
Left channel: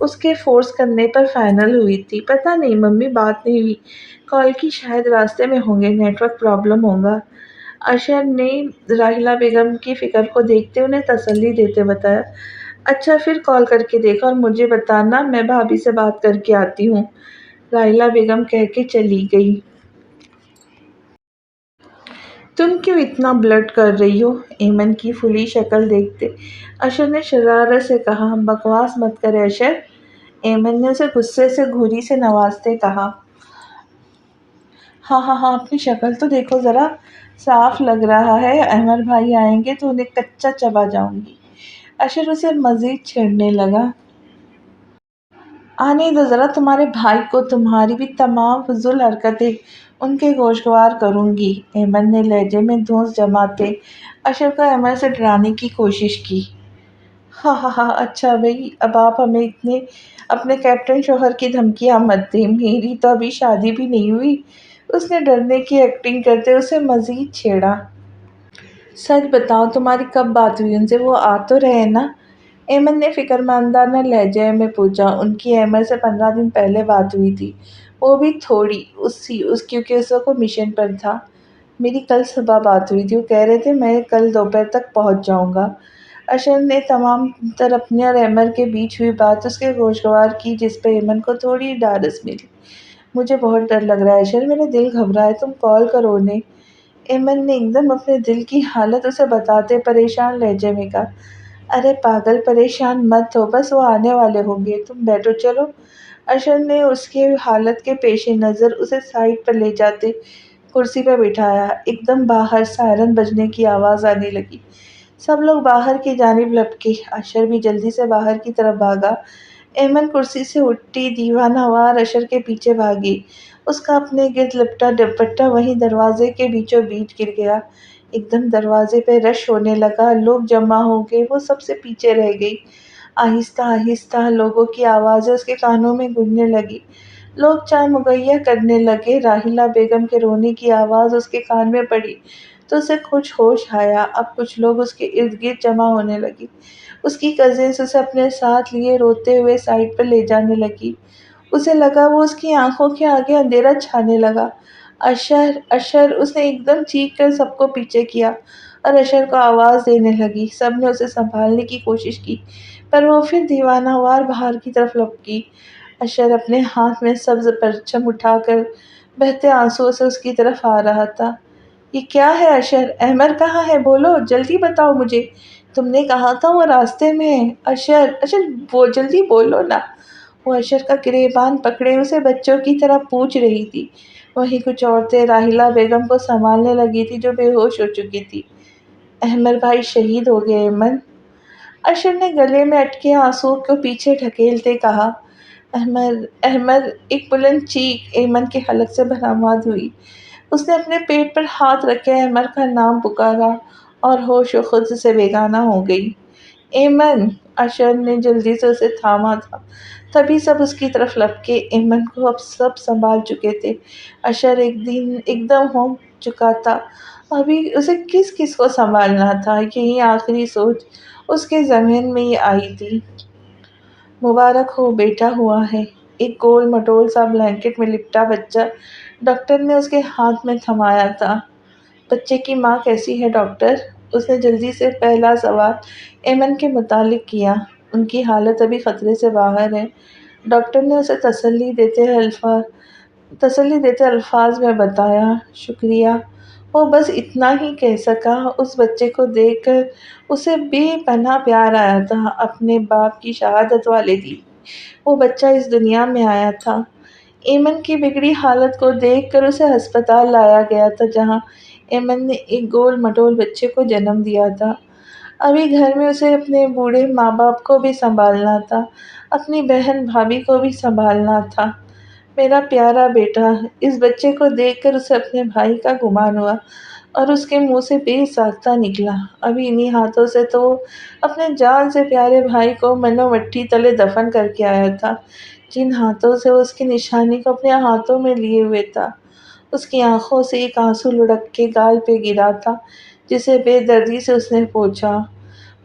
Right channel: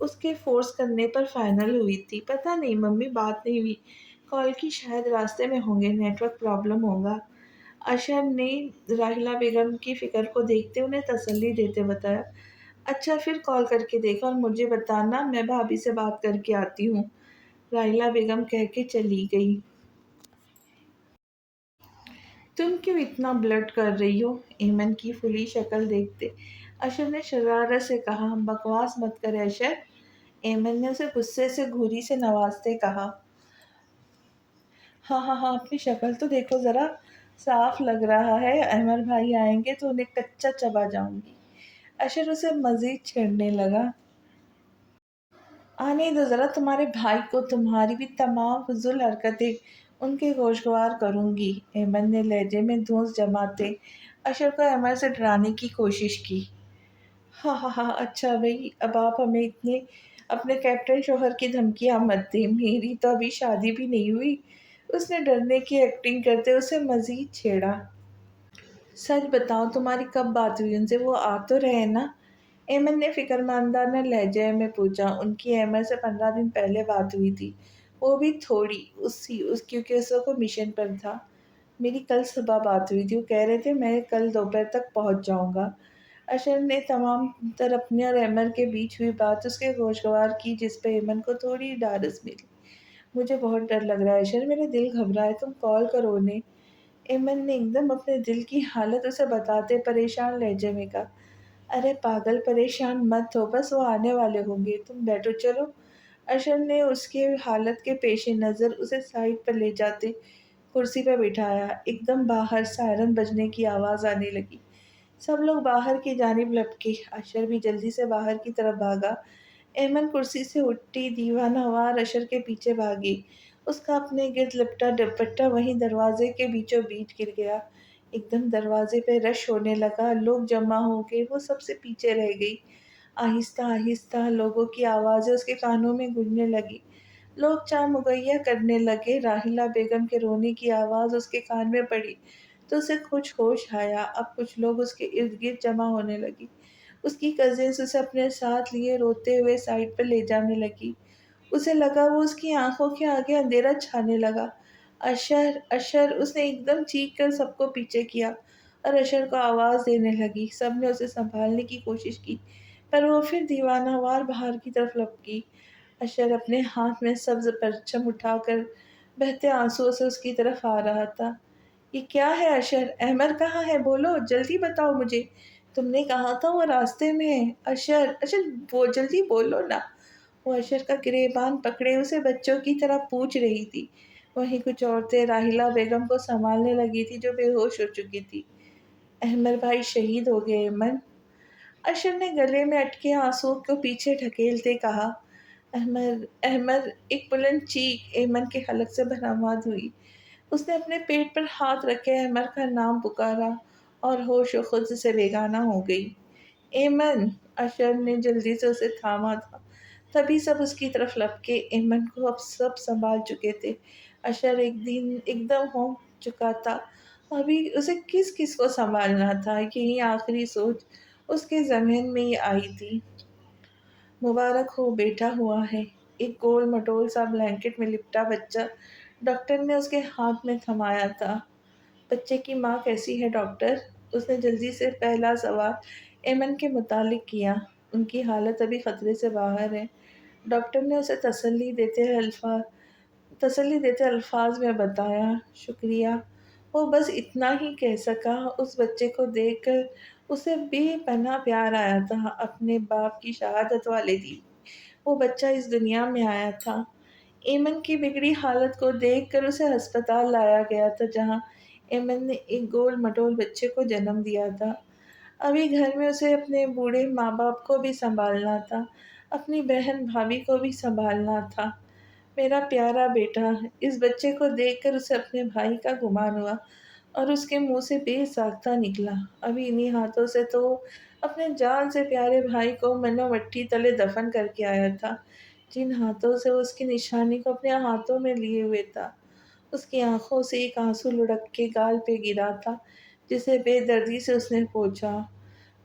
اس کے فورس کرنے پر فائنل ہوئی تھی۔ پتہ نہیں ممی، بات نہیں ہوئی، کال کی، شاید راستے میں ہوں گے، نیٹ ورک پرابلم ہوگا۔ اشر نے راحیلہ بیگم کی فکر کو دیکھتے انہیں تسلی دیتے بتایا۔ اچھا پھر کال کر کے دیکھا اور مجھے بتانا، میں بھابھی سے بات کر کے آتی ہوں، راحیلہ بیگم کہہ کے چلی گئی۔ تم کیوں اتنا بلٹ کر رہی ہو؟ ایمن کی پھلی شکل دیکھتے اشر نے شرارت سے کہا۔ بکواس مت کرے اشر، ایمن نے اسے غصے سے گھوری سے نوازتے کہا۔ ہاں ہاں ہاں، اپنی شکل تو دیکھو ذرا، صاف لگ رہا ہے احمد بھائی آئیں گے تو انہیں کچا چبا جاؤں گی۔ اشر اسے مزید چھیڑنے لگا۔ آنے دو ذرا تمہارے بھائی کو، تمہاری بھی تمام فضول حرکتیں ان کے گوشگوار کروں گی، ایمن نے لہجے میں دھونس جماتے اشر کو احمد سے ڈرانے کی کوشش کی۔ ہاں ہاں ہاں، اچھا بھائی، اب آپ ہمیں اتنے اپنے کیپٹن شوہر کی دھمکیاں مت دیں، میری تو ابھی شادی بھی نہیں ہوئی، اس نے ڈرنے کی ایکٹنگ کرتے اسے مزید چھیڑا۔ سچ بتاؤ تمہاری کب بات ہوئی ان سے، وہ آ تو رہے نا؟ ایمن نے فکرمندانہ لہجے میں پوچھا۔ ان کی احمد سے 15 دن پہلے بات ہوئی تھی، وہ بھی تھوڑی کیونکہ اس وقت وہ مشن پر تھا۔ میری کل صبح بات ہوئی تھی، وہ کہہ رہے تھے میں کل دوپہر تک پہنچ جاؤں گا۔ اشر نے تمام تر اپنے اور احمد کے بیچ ہوئی بات اس کے گوشگوار کی، جس پہ ایمن کو تھوڑی ڈھارس ملی۔ مجھے بہت ڈر لگ رہا ہے اشر، میرا دل گھبرا ہے، تم کال کرو انہیں، ایمن نے ایک دم اپنے دل کی حالت اسے بتاتے پریشان لہجے میں کہا۔ ارے پاگل، پریشان مت ہو، بس وہ آنے والے ہوں گے، تم بیٹھو چلو۔ اشر نے اس کی حالت کے پیش نظر اسے سائڈ پر لے جاتے کرسی پر بٹھایا۔ ایک دم باہر سائرن بجنے کی آواز آنے لگی، سب لوگ باہر کی جانب لپکے، اشر بھی جلدی سے باہر کی طرف بھاگا۔ ایمن کرسی سے اٹھی دیوانہ وار اشر کے پیچھے بھاگی، اس کا اپنے گرد لپٹا دوپٹہ وہیں دروازے کے بیچوں بیچ گر گیا۔ ایک دم دروازے پہ رش ہونے لگا، لوگ جمع ہو گئے، وہ سب سے پیچھے رہ گئی۔ آہستہ آہستہ لوگوں کی آوازیں اس کے کانوں میں گونجنے لگی۔ لوگ چائے مہیا کرنے لگے۔ راحیلہ بیگم کے رونے کی آواز اس کے کان میں پڑی تو اسے کچھ ہوش آیا۔ اب کچھ لوگ اس کے ارد گرد جمع ہونے لگے۔ اس کی کزنس اسے اپنے ساتھ لیے روتے ہوئے سائڈ پر لے جانے لگی۔ اسے لگا وہ اس کی آنکھوں کے آگے اندھیرا چھانے لگا۔ اشر اشر، اس نے ایک دم چیخ کر سب کو پیچھے کیا اور اشر کو آواز دینے لگی۔ سب نے اسے سنبھالنے کی کوشش کی پر وہ پھر دیوانہ وار باہر کی طرف لپکی۔ اشر اپنے ہاتھ میں سبز پرچم اٹھا کر بہتے آنسوؤں سے اس کی طرف آ رہا تھا۔ یہ کیا ہے اشر؟ احمد کہاں ہے؟ بولو، جلدی بتاؤ مجھے۔ تم نے کہا تھا وہ راستے میں ہے۔ اشر اشر، وہ جلدی بولو نا۔ وہ اشر کا گریبان پکڑے اسے بچوں کی طرح پوچھ رہی تھی۔ وہیں کچھ عورتیں راحیلہ بیگم کو سنبھالنے لگی تھی جو بے ہوش ہو چکی تھی۔ احمد بھائی شہید ہو گئے ایمن، اشر نے گلے میں اٹکے آنسوؤں کو پیچھے ڈھکیلتے کہا۔ احمد احمد، ایک بلند چیخ ایمن کے حلق سے برآمد ہوئی۔ اس نے اپنے پیٹ پر ہاتھ رکھے احمد کا نام پکارا اور ہوش و خود سے بیگانہ ہو گئی۔ ایمن! اشر نے جلدی سے اسے تھاما تھا، تبھی سب اس کی طرف لپکے۔ ایمن کو اب سب سنبھال چکے تھے۔ اشر ایک دم ہو چکا تھا۔ ابھی اسے کس کس کو سنبھالنا تھا، یہی آخری سوچ اس کے ذہن میں یہ آئی تھی۔ مبارک ہو، بیٹا ہوا ہے۔ ایک گول مٹول سا بلینکٹ میں لپٹا بچہ ڈاکٹر نے اس کے ہاتھ میں تھمایا تھا۔ بچے کی ماں کیسی ہے ڈاکٹر؟ اس نے جلدی سے پہلا سوال ایمن کے متعلق کیا۔ ان کی حالت ابھی خطرے سے باہر ہے، ڈاکٹر نے اسے تسلی دیتے الفاظ میں بتایا۔ شکریہ، وہ بس اتنا ہی کہہ سکا۔ اس بچے کو دیکھ کر اسے بے پناہ پیار آیا تھا، اپنے باپ کی شہادت والے دن وہ بچہ اس دنیا میں آیا تھا۔ ایمن کی بگڑی حالت کو دیکھ کر اسے ہسپتال لایا گیا تھا جہاں ایمن نے ایک گول مٹول بچے کو جنم دیا تھا۔ ابھی گھر میں اسے اپنے بوڑھے ماں باپ کو بھی سنبھالنا تھا، اپنی بہن بھابھی کو بھی سنبھالنا تھا۔ میرا پیارا بیٹا! اس بچے کو دیکھ کر اسے اپنے بھائی کا گمان ہوا اور اس کے منہ سے بے ساختہ نکلا۔ ابھی انہی ہاتھوں سے تو وہ اپنے جان سے پیارے بھائی کو منو مٹی تلے دفن کر کے آیا تھا، جن ہاتھوں سے وہ اس کی نشانی کو اپنے ہاتھوں میں لیے ہوئے تھا۔ اس کی آنکھوں سے ایک آنسو لڑک کے گال پہ گرا تھا جسے بے دردی سے اس نے پوچھا۔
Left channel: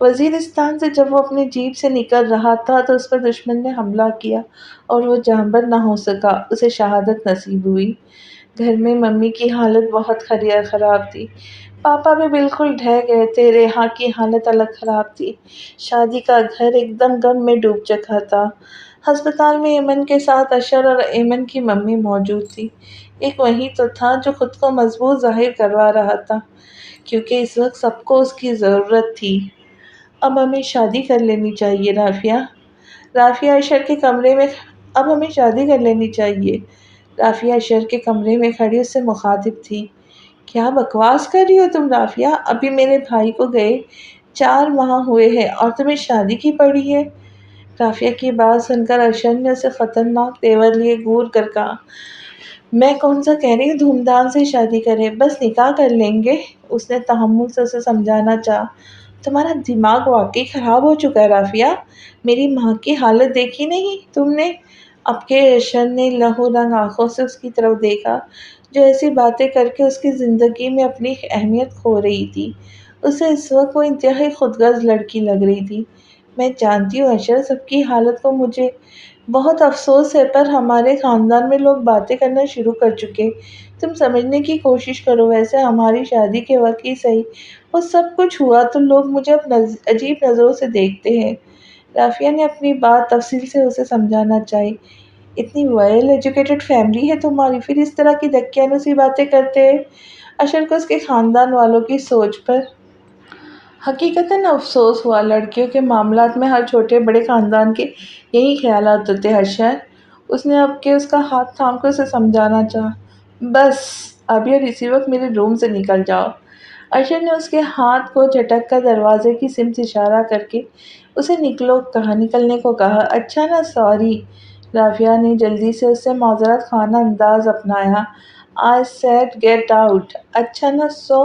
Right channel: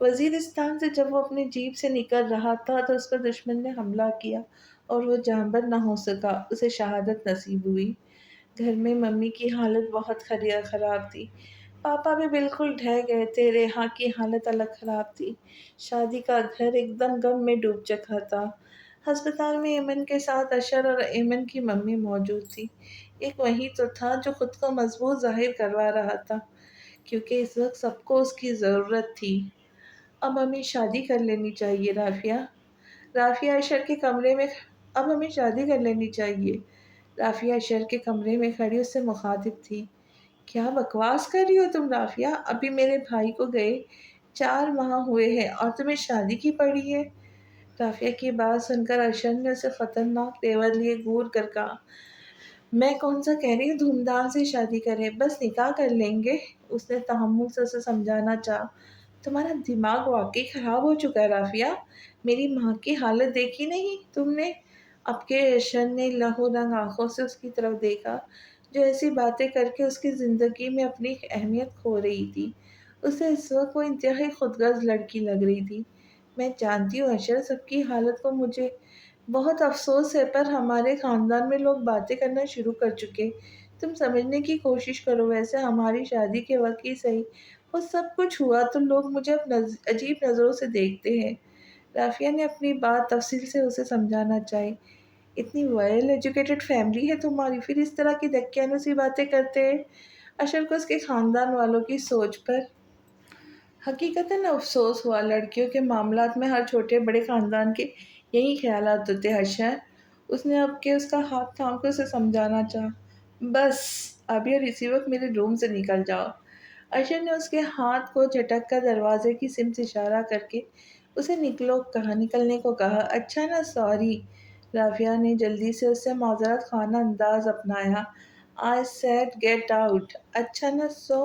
وزیرستان سے جب وہ اپنی جیپ سے نکل رہا تھا تو اس پر دشمن نے حملہ کیا اور وہ جانبر نہ ہو سکا، اسے شہادت نصیب ہوئی۔ گھر میں ممی کی حالت بہت خراب تھی، پاپا بھی بالکل ڈھہ گئے تھے، ریحا کی حالت الگ خراب تھی، شادی کا گھر ایک دم غم میں ڈوب چکا تھا۔ ہسپتال میں ایمن کے ساتھ اشر اور ایمن کی ممی موجود تھی۔ ایک وہی تو تھا جو خود کو مضبوط ظاہر کروا رہا تھا کیونکہ اس وقت سب کو اس کی ضرورت تھی۔ اب ہمیں شادی کر لینی چاہیے رافیہ۔ رافیہ اشر کے کمرے میں اب ہمیں شادی کر لینی چاہیے، رافیہ اشر کے کمرے میں کھڑی اس سے مخاطب تھی۔ کیا بکواس کر رہی ہو تم رافیہ؟ ابھی میرے بھائی کو گئے 4 ماہ ہوئے ہیں اور تمہیں شادی کی پڑی ہے؟ رافیہ کی بات سن کر اشر نے اسے خطرناک تیور لیے گور کر کہا، میں کون سا کہہ رہی ہوں دھوم دھام سے شادی کریں، بس نکاح کر لیں گے۔ اس نے تحمل سے اسے سمجھانا چاہا۔ تمہارا دماغ واقعی خراب ہو چکا ہے رافیہ، میری ماں کی حالت دیکھی نہیں تم نے؟ اب کے اشر نے لہو رنگ آنکھوں سے اس کی طرف دیکھا جو ایسی باتیں کر کے اس کی زندگی میں اپنی اہمیت کھو رہی تھی۔ اسے اس وقت وہ انتہائی خودغرض لڑکی لگ رہی تھی۔ میں جانتی ہوں اشر، سب کی حالت کو مجھے بہت افسوس ہے پر ہمارے خاندان میں لوگ باتیں کرنا شروع کر چکے، تم سمجھنے کی کوشش کرو۔ ویسے ہماری شادی کے وقت ہی صحیح وہ سب کچھ ہوا تو لوگ مجھے اب عجیب نظروں سے دیکھتے ہیں۔ رافیہ نے اپنی بات تفصیل سے اسے سمجھانا چاہی۔ اتنی ویل ایجوکیٹڈ فیملی ہے تمہاری، پھر اس طرح کی دقیانوسی باتیں کرتے ہیں۔ اشر کو اس کے خاندان والوں کی سوچ پر حقیقتاً افسوس ہوا۔ لڑکیوں کے معاملات میں ہر چھوٹے بڑے خاندان کے یہی خیالات ہوتے ہیں اشر۔ اس نے اب کے اس کا ہاتھ تھام کر اسے سمجھانا چاہا۔ بس ابھی اور اسی وقت میرے روم سے نکل جاؤ۔ اشر نے اس کے ہاتھ کو جھٹک کر دروازے کی سمت اشارہ کر کے اسے نکلنے کو کہا۔ اچھا نا، سوری۔ رافیہ نے جلدی سے اس سے معذرت خانہ انداز اپنایا۔ I said get out۔ اچھا نا، سو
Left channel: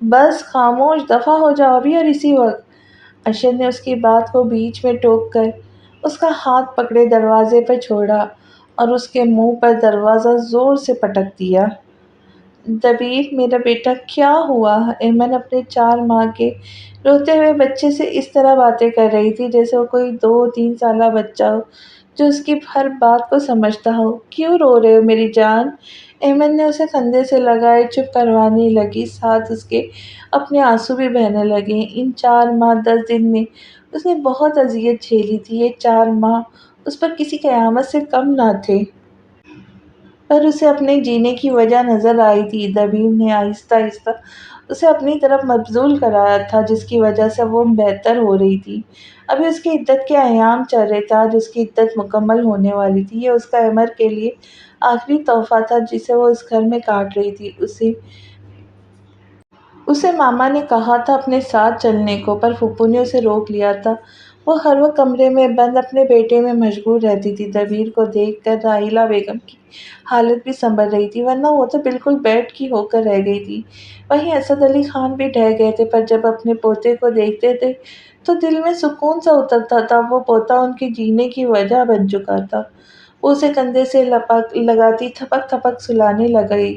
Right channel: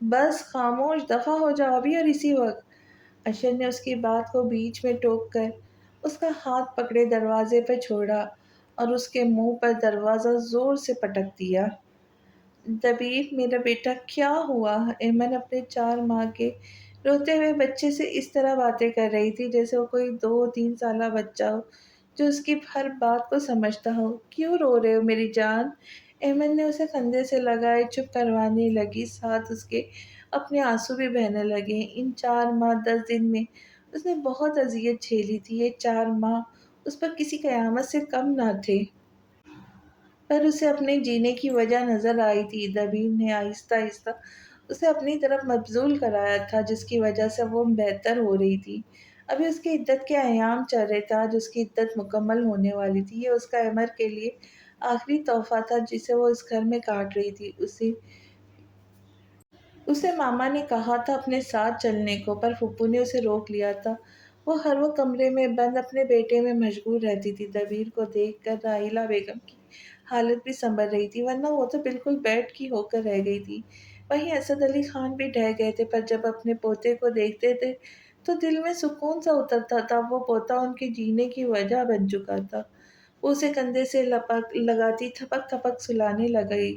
بس خاموش دفع ہو جاؤ ابھی اور اسی وقت۔ اشر نے اس کی بات کو بیچ میں ٹوک کر اس کا ہاتھ پکڑے دروازے پر چھوڑا اور اس کے منہ پر دروازہ زور سے پٹک دیا۔ دبیر میرا بیٹا کیا ہوا؟ ایمن اپنے 4 ماہ کے روتے ہوئے بچے سے اس طرح باتیں کر رہی تھی جیسے وہ کوئی 2 3 سالہ بچہ ہو جو اس کی ہر بات کو سمجھتا ہو۔ کیوں رو رہے ہو میری جان؟ ایمن نے اسے کندھے سے لگائے چپ کروانے لگی، ساتھ اس کے اپنے آنسو بھی بہنے لگے۔ ان 4 ماہ 10 دن میں اس نے بہت اذیت جھیلی تھی۔ یہ 4 ماہ اس پر کسی قیامت سے کم نہ تھے۔ پر اسے اپنے جینے کی وجہ نظر آئی تھی۔ دبیر نے آہستہ آہستہ اسے اپنی طرف مبذول کرایا تھا جس کی وجہ سے وہ بہتر ہو رہی تھی۔ ابھی اس کی عدت کے ایام چل رہے تھے، آج اس کی عدت مکمل ہونے والی تھی۔ یہ اس کا عمر کے لیے آخری تحفہ تھا جسے وہ اس گھر میں کاٹ رہی تھی۔ اسے ماما نے کہا تھا اپنے ساتھ چلنے کو، پر پھپھو نے اسے روک لیا تھا۔ وہ ہر وقت کمرے میں بند اپنے بیٹے میں مشغول رہتی تھی۔ دبیر کو دیکھ کر راحیلہ بیگم کی حالت بھی سنبھل رہی تھی، ورنہ وہ تو بالکل بیڈ کی ہو کر رہ گئی تھی۔ وہیں اسد علی خان بھی ڈھہ گئے تھے، پر جب اپنے پوتے کو دیکھتے تھے تو دل میں سکون سا اترتا تھا۔ وہ پوتا ان کے جینے کی وجہ بن چکا تھا۔ وہ اسے کندھے سے لگاتی تھپک تھپک سلانے لگی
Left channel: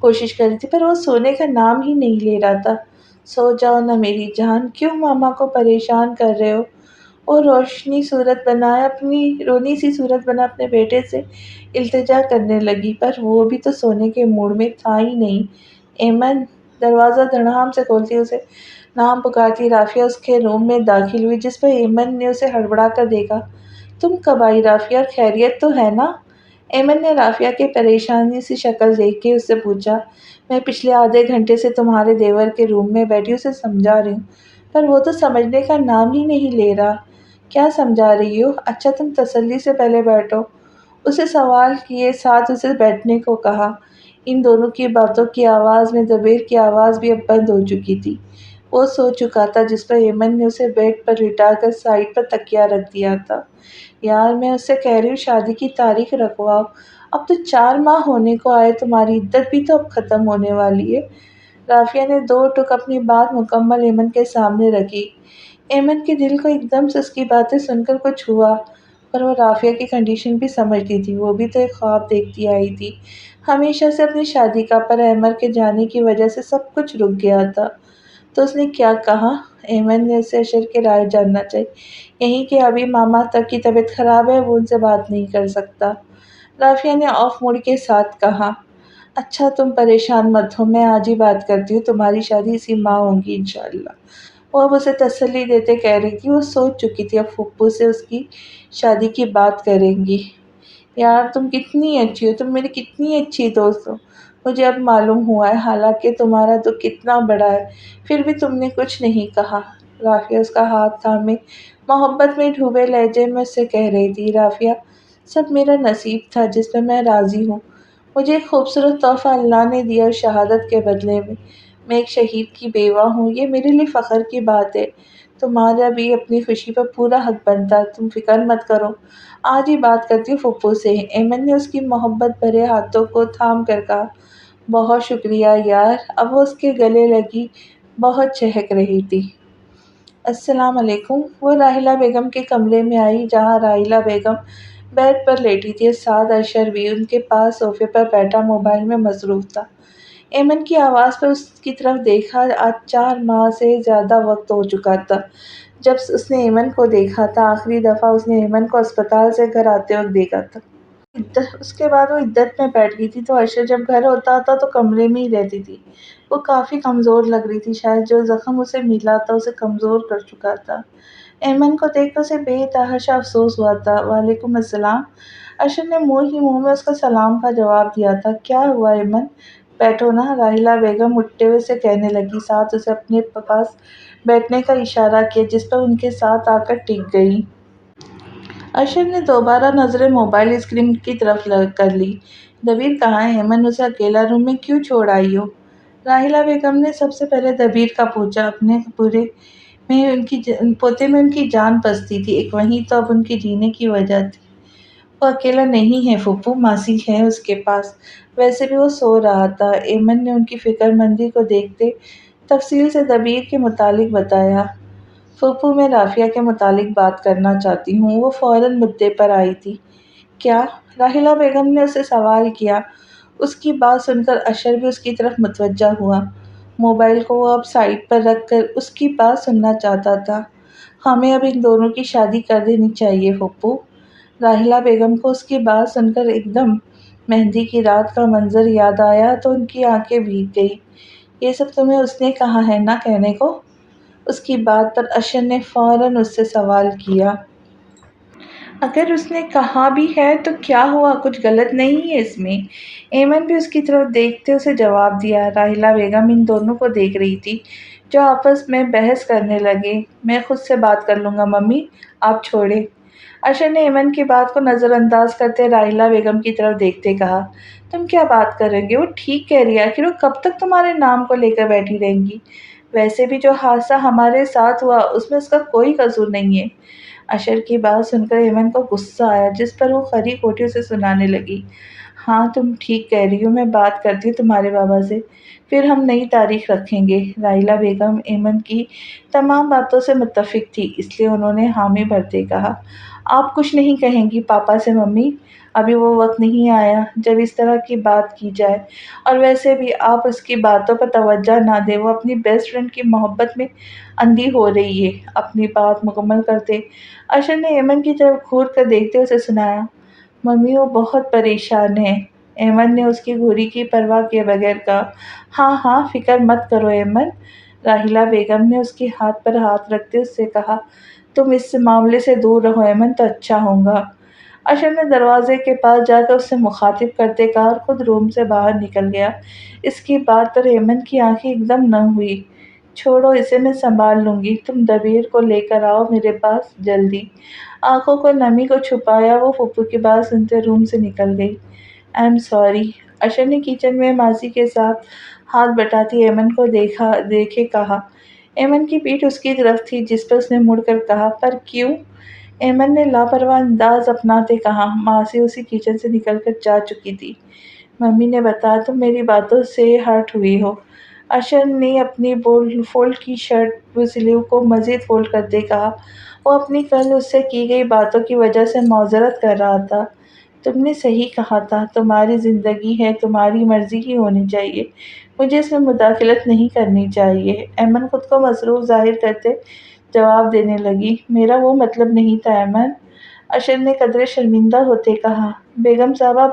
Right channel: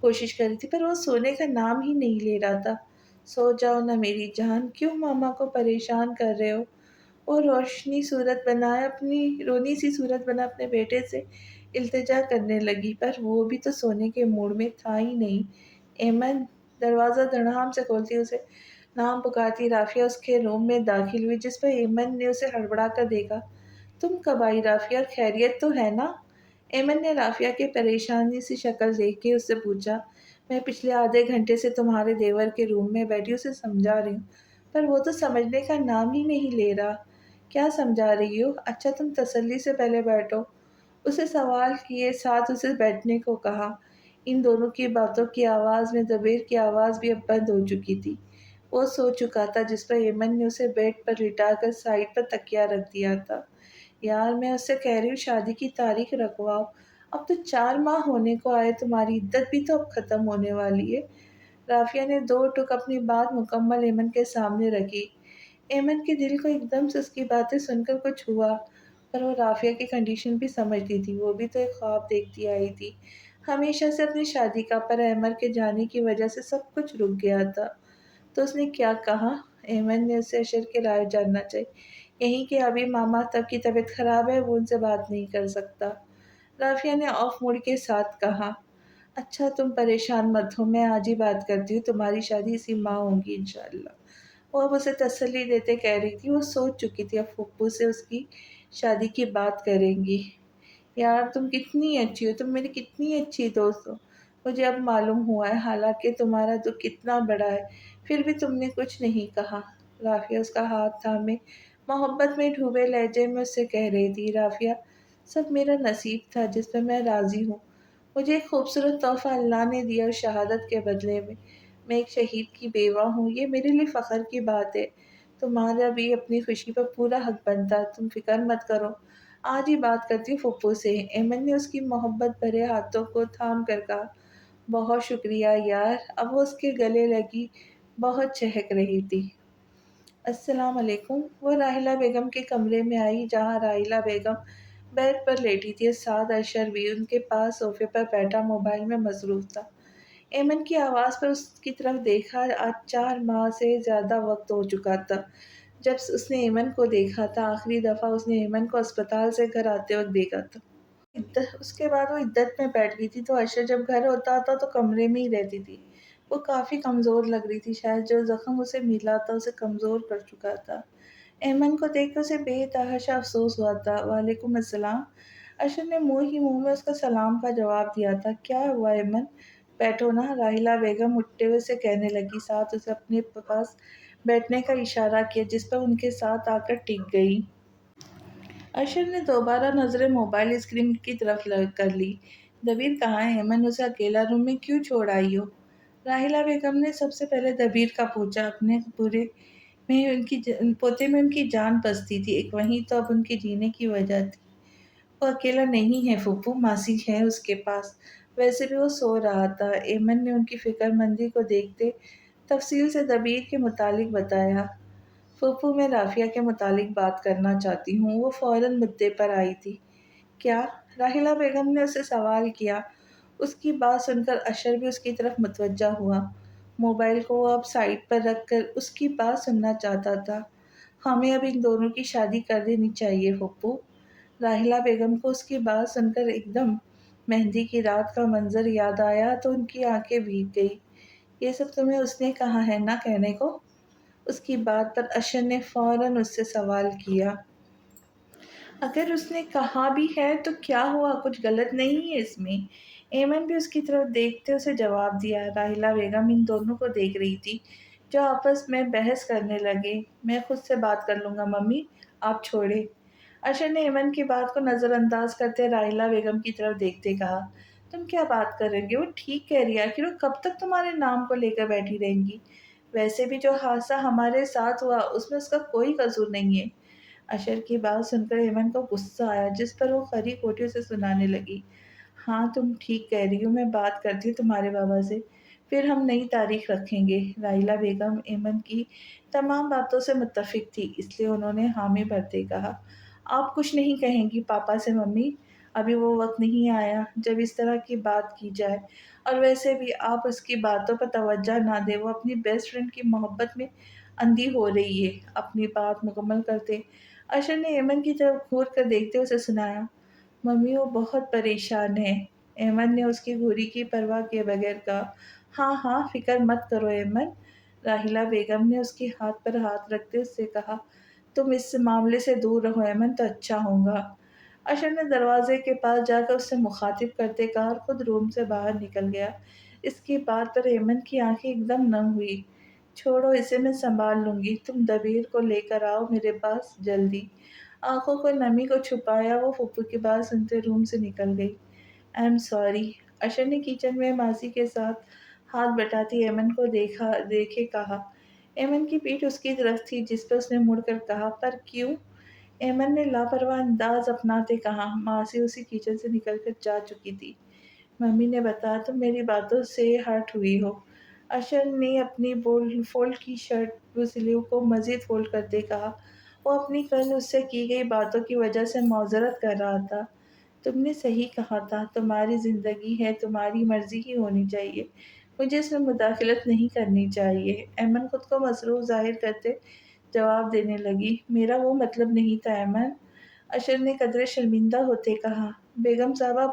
کوشش کر رہی تھی، پر وہ سونے کا نام ہی نہیں لے رہا تھا۔ سو جاؤ نا میری جان، کیوں ماما کو پریشان کر رہے ہو؟ وہ رونی سی صورت بنا اپنے بیٹے سے التجا کرنے لگی، پر وہ بھی تو سونے کے موڈ میں تھا ہی نہیں۔ ایمن! دروازہ دھڑام سے کھولتی اسے نام پکارتی رافیہ اس کے روم میں داخل ہوئی، جس پر ایمن نے اسے ہڑبڑا کر دیکھا۔ تم کب آئی رافیہ؟ اور خیریت تو ہے نا؟ ایمن نے رافیہ کی پریشانی سی شکل دیکھ کے اس سے پوچھا۔ میں پچھلے آدھے گھنٹے سے تمہارے دیور کے روم میں بیٹھی اسے سمجھا رہی ہوں، پر وہ تو سمجھنے کا نام ہی نہیں لے رہا۔ کیا سمجھا رہی ہو؟ اچھا تم تسلی سے پہلے بیٹھو، اسے سوال کیے، ساتھ اسے بیٹھنے کو کہا۔ ان دونوں کی باتوں کی آواز میں دبیر کی آواز بھی اب بند ہو چکی تھی۔ وہ سو چکا تھا، جس پر ایمن نے اسے بیڈ پر لٹا کر سائیڈ پر تکیہ رکھ دیا تھا۔ یار میں اس سے کہہ رہی ہوں شادی کی تاریخ رکھواؤ، اب تو 4 ماہ ہونے کو آئے، تمہاری عدت بھی تو اب ختم ہونے والی ہے۔ رافیہ نے 2 ٹک اپنی بات مکمل ایمن کے سامنے رکھی۔ ایمن کے دل کو ایک دم سے اس کی باتیں سن کر کچھ ہوا، پر وہ رافیہ کی کنڈیشن بھی سمجھتی تھی۔ وہ بھی تو ایک خواب دیکھتی آئی تھی ہمیشہ سے اپنی شادی کا، پر عمر کے جانے کی وجہ سے سب کچھ رک گیا تھا۔ تو اس نے کیا کہا؟ ایمن نے اسے اشر کی رائے جاننا چاہی۔ یہی کہ ابھی ماما تک کی طبیعت خراب ہے، وہ ان سے بات نہیں کر سکتا۔ رافیہ نے آف موڈ کے ساتھ کہا۔ اچھا تم پریشان مت ہو، میں آج ہی بات کرتی ہوں، تمہاری شادی اسی ماہ ہوگی انشاءاللہ۔ وہ اب اسے تسلی دیتے کہہ رہی تھی۔ وہ سوچ چکی تھی اب پھپھو سے اس کی شادی کی بات کریں گی۔ یار تم کتنی اچھی ہو، تم میری کتنی اچھی دوست ہو، مجھے اب معلوم ہوا ہے، حالانکہ تمہارا دکھ کتنا بڑا ہے، پھر بھی تم نے کچھ نہیں کہا۔ رافیہ اس کا ہاتھ تھامے محبت میں ڈوبے لہجے میں اس سے کہہ رہی تھی۔ رافیہ سب میرا نصیب تھا جس پہ میں راضی ہوں۔ مجھے ایک خوبصورت تحفہ اللہ نے دیا اور شہادت کے بدلے میں میں ایک شہید کی بیوہ ہوں، یہ میرے لیے فخر کی بات ہے۔ تمہارا بھی اپنی خوشی پر پورا حق بنتا، تم فکر مت کرو، آج ہی بات کرتی ہوں پھپھو سے۔ ایمن نے اس کی محبت بھرے ہاتھوں کو تھام کر کہا۔ بہت شکریہ یار، اب وہ اس کے گلے لگی، بہت چہک رہی تھی۔ السلام علیکم۔ وہ راحیلہ بیگم کے کمرے میں آئی، جہاں راحیلہ بیگم بیڈ پر لیٹی تھی، ساتھ اشر بھی ان کے پاس صوفے پر بیٹھا موبائل میں مصروف تھا۔ ایمن کی آواز پر اس کی طرف دیکھا۔ آج 4 ماہ سے زیادہ وقت ہو چکا تھا جب اس نے ایمن کو دیکھا تھا۔ آخری دفعہ اس نے ایمن کو اسپتال سے گھر آتے وقت دیکھا تھا۔ اس کے بعد وہ عدت میں بیٹھ گئی تھی، تو اشر جب گھر ہوتا تھا تو کمرے میں ہی رہتی تھی۔ وہ کافی کمزور لگ رہی تھی، شاید جو زخم اسے ملا تھا اسے کمزور کر چکا تھا۔ ایمن کو دیکھ کر اسے بے تحاشا افسوس ہوا تھا۔ وعلیکم السلام۔ اشر نے منہ ہی منہ میں اس کا سلام کا جواب دیا تھا۔ کیا ہوا ایمن؟ بیٹھو نا، راحیلہ بیگم اٹھتے ہوئے اسے کہنے لگی، ساتھ اسے اپنے پاس بیٹھنے کا اشارہ کیا، جس پر ان کے ساتھ آ کر ٹک گئی۔ اشر نے دوبارہ نظریں موبائل اسکرین کی طرف کر لی۔ دبیر کہاں ہے؟ ایمن اسے اکیلا روم میں کیوں چھوڑ آئی ہو؟ راحیلہ بیگم نے سب سے پہلے دبیر کا پوچھا۔ اپنے پوتے میں ان کی جان بستی تھی، ایک وہی تو اب ان کے جینے کی وجہ تھی۔ وہ اکیلا نہیں ہے پھپھو، ماسی ہے اس کے پاس، ویسے بھی وہ سو رہا تھا۔ ایمن نے ان کی فکر مندی کو دیکھتے تفصیل سے دبیر کے متعلق بتایا۔ پھپھو میں رافیہ کے متعلق بات کرنا چاہتی ہوں۔ وہ فوراً مدعے پر آئی تھی۔ کیا؟ راحلہ بیگم نے اسے سوال کیا۔ اس کی بات سن کر اشر بھی اس کی طرف متوجہ ہوا۔ موبائل کو وہ اب سائڈ پر رکھ کر اس کی بات سننا چاہتا تھا۔ ہمیں اب ان دونوں کی شادی کر دینی چاہیے پھپھو۔ راحلہ بیگم کو اس کی بات سن کر ایک دم مہندی کی رات کا منظر یاد آیا تو ان کی آنکھیں بھیگ گئی۔ یہ سب تمہیں اس نے کہا ہے نا کہنے کو؟ اس کی بات پر اشر نے فوراً اس سے سوال کیا۔ اگر اس نے کہا بھی ہے تو کیا ہوا، کچھ غلط نہیں ہے اس میں؟ ایمن بھی اس کی طرف دیکھتے اسے جواب دیا۔ راحلہ بیگم ان دونوں کو دیکھ رہی تھی جو آپس میں بحث کرنے لگے۔ میں خود سے بات کر لوں گا ممی، آپ چھوڑیں۔ اشر نے ایمن کی بات کو نظر انداز کرتے راحلہ بیگم کی طرف دیکھتے کہا، تم کیا بات کریں گے؟ وہ ٹھیک کہہ رہی ہے، آخر وہ کب تک تمہارے نام کو لے کر بیٹھی رہیں گی؟ ویسے بھی جو حادثہ ہمارے ساتھ ہوا اس میں اس کا کوئی قصور نہیں ہے۔ اشر کی بات سن کر ایمن کو غصہ آیا جس پر وہ کھری کھوٹی اسے سنانے لگی۔ ہاں تم ٹھیک کہہ رہی ہو، میں بات کرتی ہوں تمہارے بابا سے، پھر ہم نئی تاریخ رکھیں گے۔ راحلہ بیگم ایمن کی تمام باتوں سے متفق تھی، اس لیے انہوں نے حامی بھرتے کہا، آپ کچھ نہیں کہیں گی پاپا سے ممی؟ ابھی وہ وقت نہیں آیا جب اس طرح کی بات کی جائے، اور ویسے بھی آپ اس کی باتوں پر توجہ نہ دیں، وہ اپنی بیسٹ فرینڈ کی محبت میں اندھی ہو رہی ہے۔ اپنی بات مکمل کرتے اشر نے ایمن کی طرف گھور کر دیکھتے اسے سنایا، ممی وہ بہت پریشان ہے۔ ایمن نے اس کی گھوری کی پرواہ کیے بغیر کہا، ہاں ہاں فکر مت کرو ایمن۔ راحلہ بیگم نے اس کے ہاتھ پر ہاتھ رکھتے اس سے کہا، تم اس معاملے سے دور رہو ایمن تو اچھا ہوگا۔ اشر نے دروازے کے پاس جا کر اس سے مخاطب کرتے کہا اور خود روم سے باہر نکل گیا۔ اس کی بات پر ایمن کی آنکھیں ایک دم نم ہوئی۔ چھوڑو اسے، میں سنبھال لوں گی، تم دبیر کو لے کر آؤ میرے پاس جلدی۔ آنکھوں کو نمی کو چھپایا وہ پھپھو کی بات سنتے روم سے نکل گئی۔ I am sorry. اشر نے کچن میں ماسی کے ساتھ ہاتھ بٹاتی ایمن کو دیکھے کہا۔ ایمن کی پیٹھ اس کی طرف تھی جس پر اس نے مڑ کر کہا، پر کیوں؟ ایمن نے لاپرواہ انداز اپناتے کہا، ماسی اسی کچن سے نکل کر جا چکی تھی، ممی نے بتایا تم میری باتوں سے ہرٹ ہوئی ہو۔ اشر نے اپنی فولڈ کی شرٹ سلیو کو مزید فولڈ کرتے کہا، وہ اپنی کل اس سے کی گئی باتوں کی وجہ سے معذرت کر رہا تھا۔ تم نے صحیح کہا تھا، تمہاری زندگی ہے، تمہاری مرضی ہی ہونی چاہیے، مجھے اس میں مداخلت نہیں کرنی چاہیے۔ ایمن خود کو مصروف ظاہر کرتے جواب دینے لگی، میرا وہ مطلب نہیں تھا ایمن۔ اشر نے قدرے شرمندہ ہوتے کہا، بیگم صاحبہ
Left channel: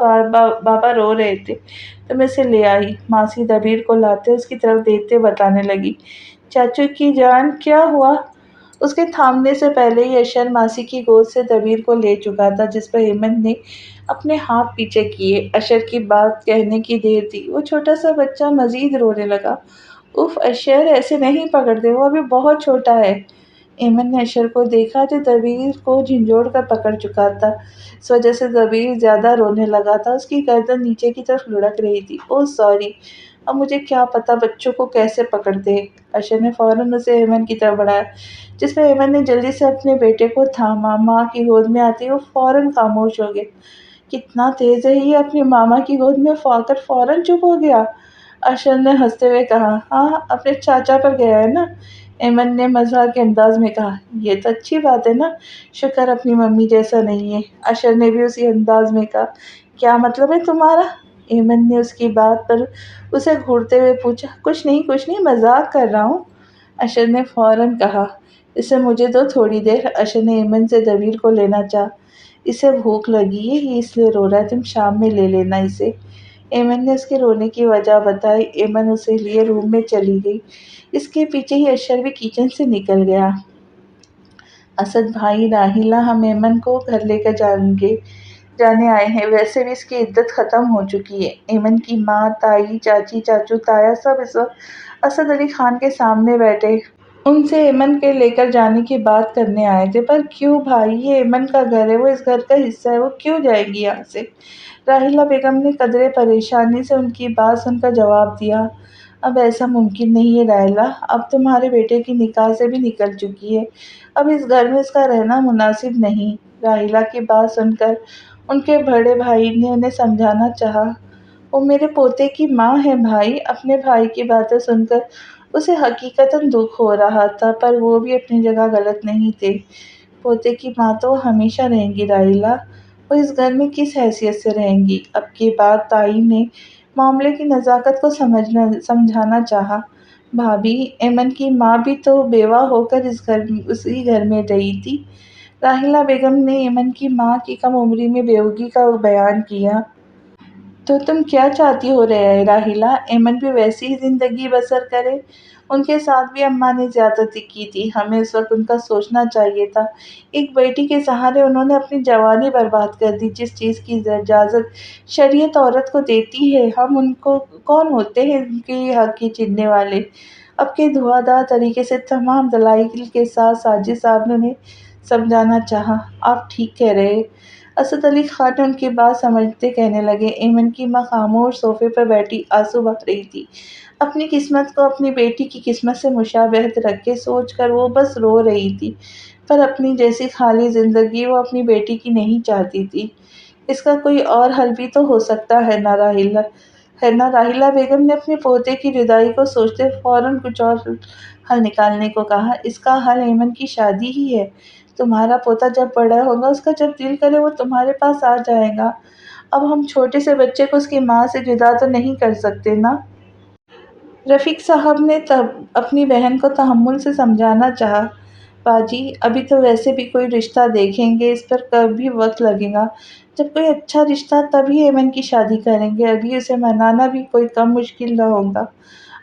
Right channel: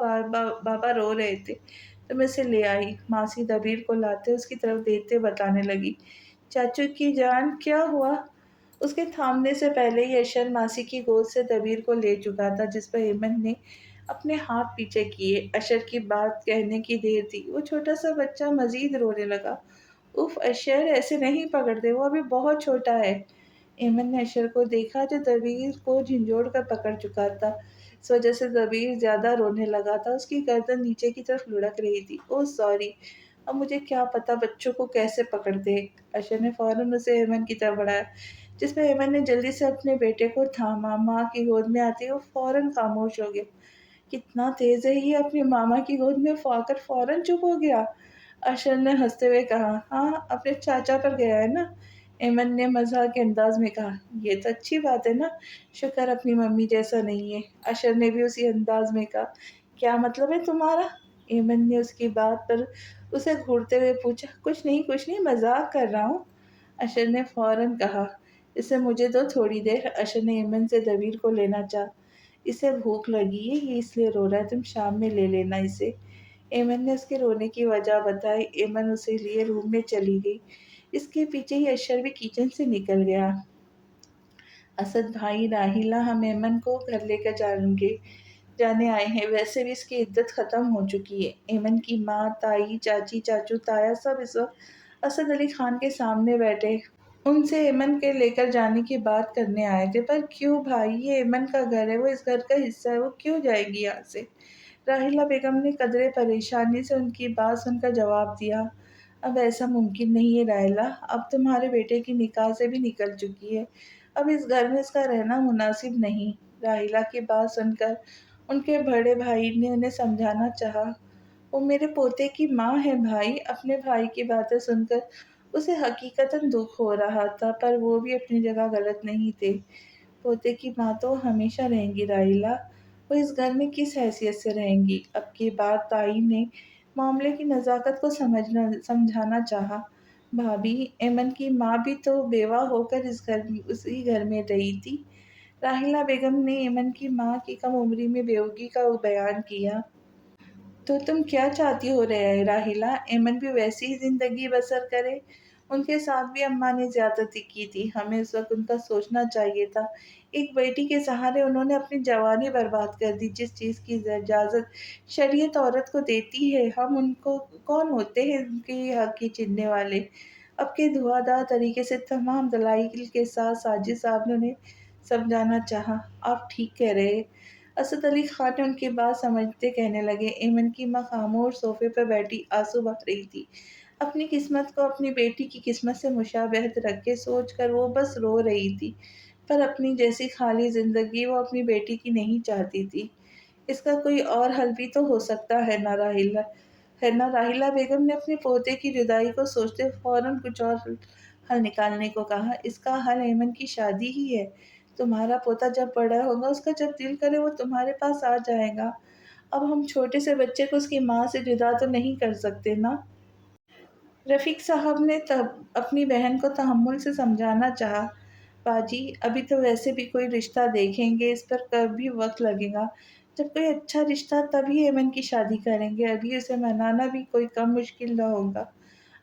بابا رو رہے تھے تو میں اسے لے آئی۔ ماسی دبیر کو لاتے اس کی طرف دیکھتے بتانے لگی، چاچو کی جان کیا ہوا؟ اس کے تھامنے سے پہلے ہی اشر ماسی کی گود سے دبیر کو لے چکا تھا جس پر ایمن نے اپنے ہاتھ پیچھے کیے۔ اشر کی بات کہنے کی دیر تھی، وہ چھوٹا سا بچہ مزید رونے لگا۔ اف اشر ایسے نہیں پکڑتے، وہ ابھی بہت چھوٹا ہے۔ ایمن نے اشر کو دیکھا جو دبیر کو جھنجھوڑ کر پکڑ چکا تھا، اس وجہ سے دبیر زیادہ رونے لگا تھا، اس کی گردن نیچے کی طرف لڑک رہی تھی۔ اوہ سوری، اب مجھے کیا پتا بچوں کو کیسے پکڑتے۔ اشر نے فوراً اسے ایمن کی طرف بڑھایا جس پر ایمن نے جلدی سے اپنے بیٹے کو تھاما۔ ماں کی گود میں آتے ہی وہ فوراً خاموش ہو گیا۔ کتنا تیز ہے یہ، اپنی ماما کی گود میں آ کر فوراً چپ ہو گیا۔ اشر نے ہنستے ہوئے کہا، ہاں اپنے چاچا پر گیا ہے نا۔ ایمن نے مزاح کے انداز میں کہا، یہ تو اچھی بات ہے نا، شکر اپنی ممی جیسا نہیں ہے۔ اشر نے بھی اسی انداز میں کہا، کیا مطلب ہے تمہارا؟ ایمن نے اس کی بات پر اسے گھورتے ہوئے پوچھا، کچھ نہیں مذاق کر رہا ہوں۔ اشر نے فوراً کہا، اسے مجھے دو تھوڑی دیر۔ اشر نے ایمن سے دبیر کو لینا چاہا، اسے بھوک لگی ہے یہ اس لیے رو رہا ہے، تم شام میں لے لینا اسے۔ ایمن نے اس کے رونے کی وجہ بتائی۔ ایمن اسے لیے روم میں چلی گئی، اس کے پیچھے ہی اشر بھی کچن سے نکل گیا۔ اسد بھائی راحلہ، ہم ایمن کو گھر لے کر جانے آئے ہیں، ویسے بھی اس کی عدت ختم ہو چکی ہے۔ ایمن کی ماں، تائی، چاچی، چاچو، تایا سب اس وقت اسد علی خان کے سامنے بیٹھے ان سے ایمن کے لے کر جانے کی بات کرنے آئے تھے۔ پر کیوں بھائی، یہ ایمن کا گھر ہے، وہ اس گھر کا حصہ ہے، وہ کیوں جائے گی یہاں سے؟ راحلہ بیگم نے قدرے پریشانی سے ان کی بات سن کر جواب دیا، اب ایسا ممکن نہیں ہے راحلہ، اب تمہارے بیٹے کی نکاح سے بھی نکل چکی ہے، اب اس گھر میں اس کا رہنا مناسب نہیں۔ راحلہ کی بات سن کر ان کے بڑے بھائی نے انہیں سمجھانا چاہا، وہ میرے پوتے کی ماں ہے بھائی۔ اپنے بھائی کی باتیں سن کر اسے حقیقتاً دکھ ہو رہا تھا، پر وہ بھی اپنی جگہ غلط نہیں تھے، پوتے کی ماں تو وہ ہمیشہ رہیں گی راحلہ، وہ اس گھر میں کس حیثیت سے رہیں گی؟ اب کی بار تائی نے معاملے کی نزاکت کو سمجھانا چاہا۔ بھابھی، ایمن کی ماں بھی تو بیوہ ہو کر اسی گھر میں رہی تھی۔ راحیلہ بیگم نے ایمن کی ماں کی کم عمری میں بیوگی کا بیان کیا۔ تو تم کیا چاہتی ہو رہے راحیلہ؟ ایمن بھی ویسی ہی زندگی بسر کرے؟ ان کے ساتھ بھی اماں نے زیادتی کی تھی، ہمیں اس وقت ان کا سوچنا چاہیے تھا۔ ایک بیٹی کے سہارے انہوں نے اپنی جوانی برباد کر دی، جس چیز کی اجازت شریعت عورت کو دیتی ہے۔ ہم ان کو کون ہوتے ہیں ان کے حق کی چھیننے والے؟ اب کے دھواں دھار طریقے سے تمام دلائل کے ساتھ ساجد صاحب نے انہیں سمجھانا چاہا۔ آپ ٹھیک کہہ رہے۔ اسد علی خان نے ان کی بات سمجھتے کہنے لگے۔ ایمن کی ماں خاموش صوفے پر بیٹھی آنسو بہا رہی تھی۔ اپنی قسمت کو اپنی بیٹی کی قسمت سے مشابہت رکھ کے سوچ کر وہ بس رو رہی تھی، پر اپنی جیسی خالی زندگی وہ اپنی بیٹی کی نہیں چاہتی تھی۔ اس کا کوئی اور حل بھی تو ہو سکتا ہے نا راحیلہ؟ راحیلہ بیگم نے اپنے پوتے کی جدائی کو سوچتے فوراً کچھ اور حل نکالنے کو کہا۔ اس کا حل ایمن کی شادی ہی ہے۔ تمہارا پوتا جب بڑا ہوگا، اس کا جب دل کرے وہ تمہارے پاس آ جائے گا۔ اب ہم چھوٹے سے بچے کو اس کی ماں سے جدا تو نہیں کر سکتے نا؟ رفیق صاحب نے اپنی بہن کو تحمل سے سمجھانا چاہا۔ باجی، ابھی تو ویسے بھی کوئی رشتہ دیکھیں گے، اس پر کبھی وقت لگے گا۔ جب کوئی اچھا رشتہ تبھی ایمن کی شادی کریں گے، ابھی اسے منانا بھی کوئی کم مشکل نہ ہوگا۔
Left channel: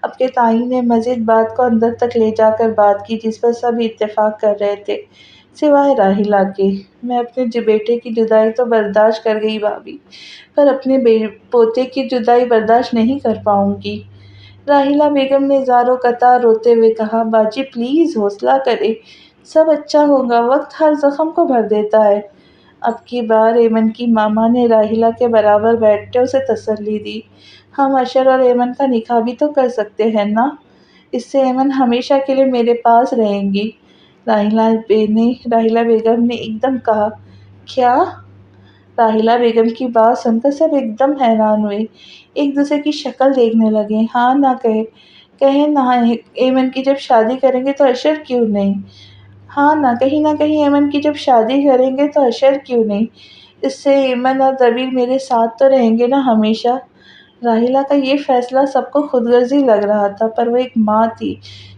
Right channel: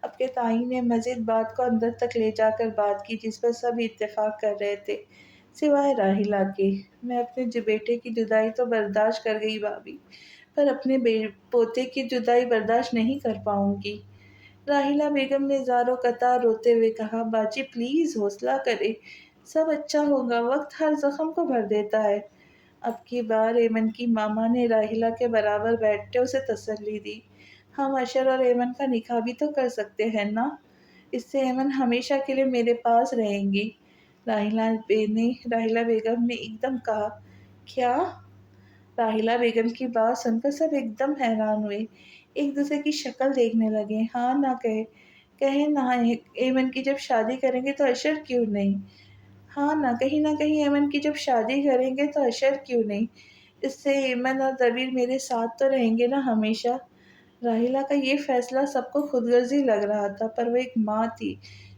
اب کے تائی نے مزید بات کو اندر تک لے جا کر بات کی، جس پر سب اتفاق کر رہے تھے سوائے راحیلہ کے۔ میں اپنے بیٹے کی جدائی تو برداشت کر گئی بھابھی، پر اپنے پوتے کی جدائی برداشت نہیں کر پاؤں گی۔ راحیلہ بیگم نے زاروں قطار روتے ہوئے کہا۔ باجی پلیز حوصلہ کرے، سب اچھا ہوگا، وقت ہر زخم کو بھر دیتا ہے۔ اب کی بار ایمن کی ماما نے راحیلہ کے برابر بیٹھتے اسے تسلی دی۔ ہم اشر اور ایمن کا نکاح بھی تو کر سکتے ہیں نا؟ اس سے ایمن ہمیشہ کے لیے میرے پاس رہیں گی۔ راحیلہ بیگم نے ایک دم کہا۔ کیا؟ راحیلہ بیگم کی بات سن کر سب ایک دم حیران ہوئے، ایک دوسرے کی شکل دیکھنے لگے۔ ہاں کہیں نہ ایمن کی جب شادی کریں گے تو اشر کیوں نہیں؟ ہاں نہ کہیں ایمن کی جب شادی کریں گے تو اشر کیوں نہیں؟ اس سے ایمن اور دبیر میرے ساتھ تو رہیں گے نا ہمیشہ؟ راحیلہ کا یہ فیصلہ سب کو خود غرضی لگ رہا تھا، پر وہ ایک ماں تھی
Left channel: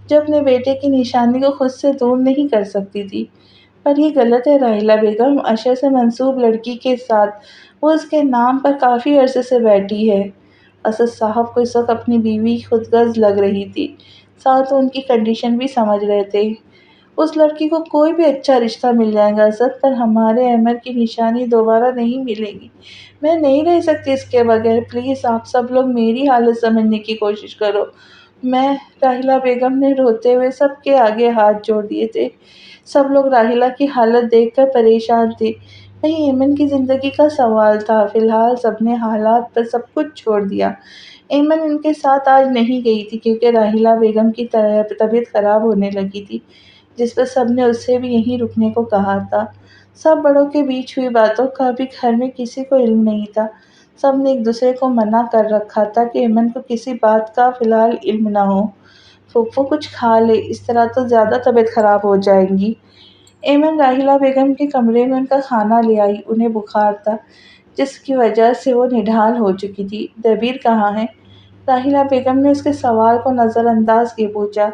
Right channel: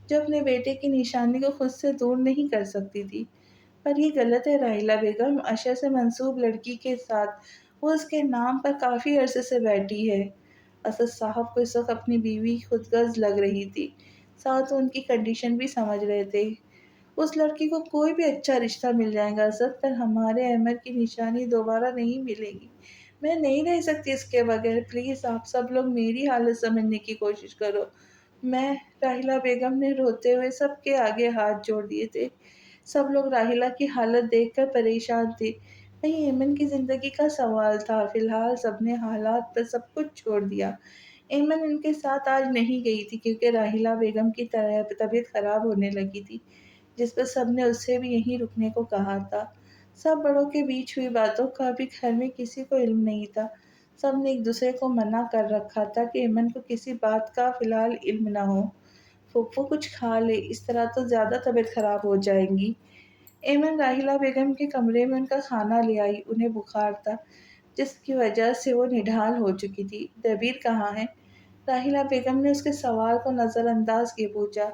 جو اپنے بیٹے کی نشانی کو خود سے دور نہیں کر سکتی تھی۔ پر یہ غلط ہے راحیلہ بیگم، اشر سے منسوب لڑکی کے ساتھ وہ اس کے نام پر کافی عرصے سے بیٹھی ہے۔ اسد صاحب کو اس وقت اپنی بیوی خود غرض لگ رہی تھی، ساتھ وہ ان کی کنڈیشن بھی سمجھ رہے تھے۔ اس لڑکی کو کوئی بھی اچھا رشتہ مل جائے گا اسد، پر ہمارے احمد کی نشانی دوبارہ نہیں ملے گی۔ میں نہیں رہ سکتی اس کے بغیر، پلیز آپ سب لوگ میری حالت سمجھنے کی کوشش کرو۔ راحیلہ بیگم نے روتے ہوئے سب کے آگے ہاتھ جوڑ دیے تھے۔ سب لوگ راحیلہ کی حالت دیکھ کر پریشان تھے۔ کہیں ایمن کی زندگی کا سوال تھا۔ فی الحال سب نے حالات پر سب کچھ چھوڑ دیا۔ ایمن ان کے ساتھ آج نہیں گئی تھی کیونکہ راحیلہ بیگم کی طبیعت خراب ہونے لگی تھی، جس پر سب نے اس سے بھی یہیں رکنے کو کہا تھا۔ سب بڑوں کے بیچ ہوئی باتوں کا ابھی گھر میں کسی کو علم نہیں تھا۔ سب نے ایک دوسرے کو منع کر رکھا تھا کہ ایمن کو کسی بات کا فی الحال علم نہ ہو۔ پھوپھو کچھ کھا لے، اس طرح تو زیادہ طبیعت خراب ہو جائے گی۔ ایمن راحیلہ بیگم کے کمرے میں ان کا کھانا لے آئی۔ انہیں بخار تھا، جس کی وجہ سے وہ نڈھال ہو چکی تھی۔ دبیر کہاں ہے؟ راحیلہ بیگم نے اس کے سوال کو نظر انداز کیے پوچھا۔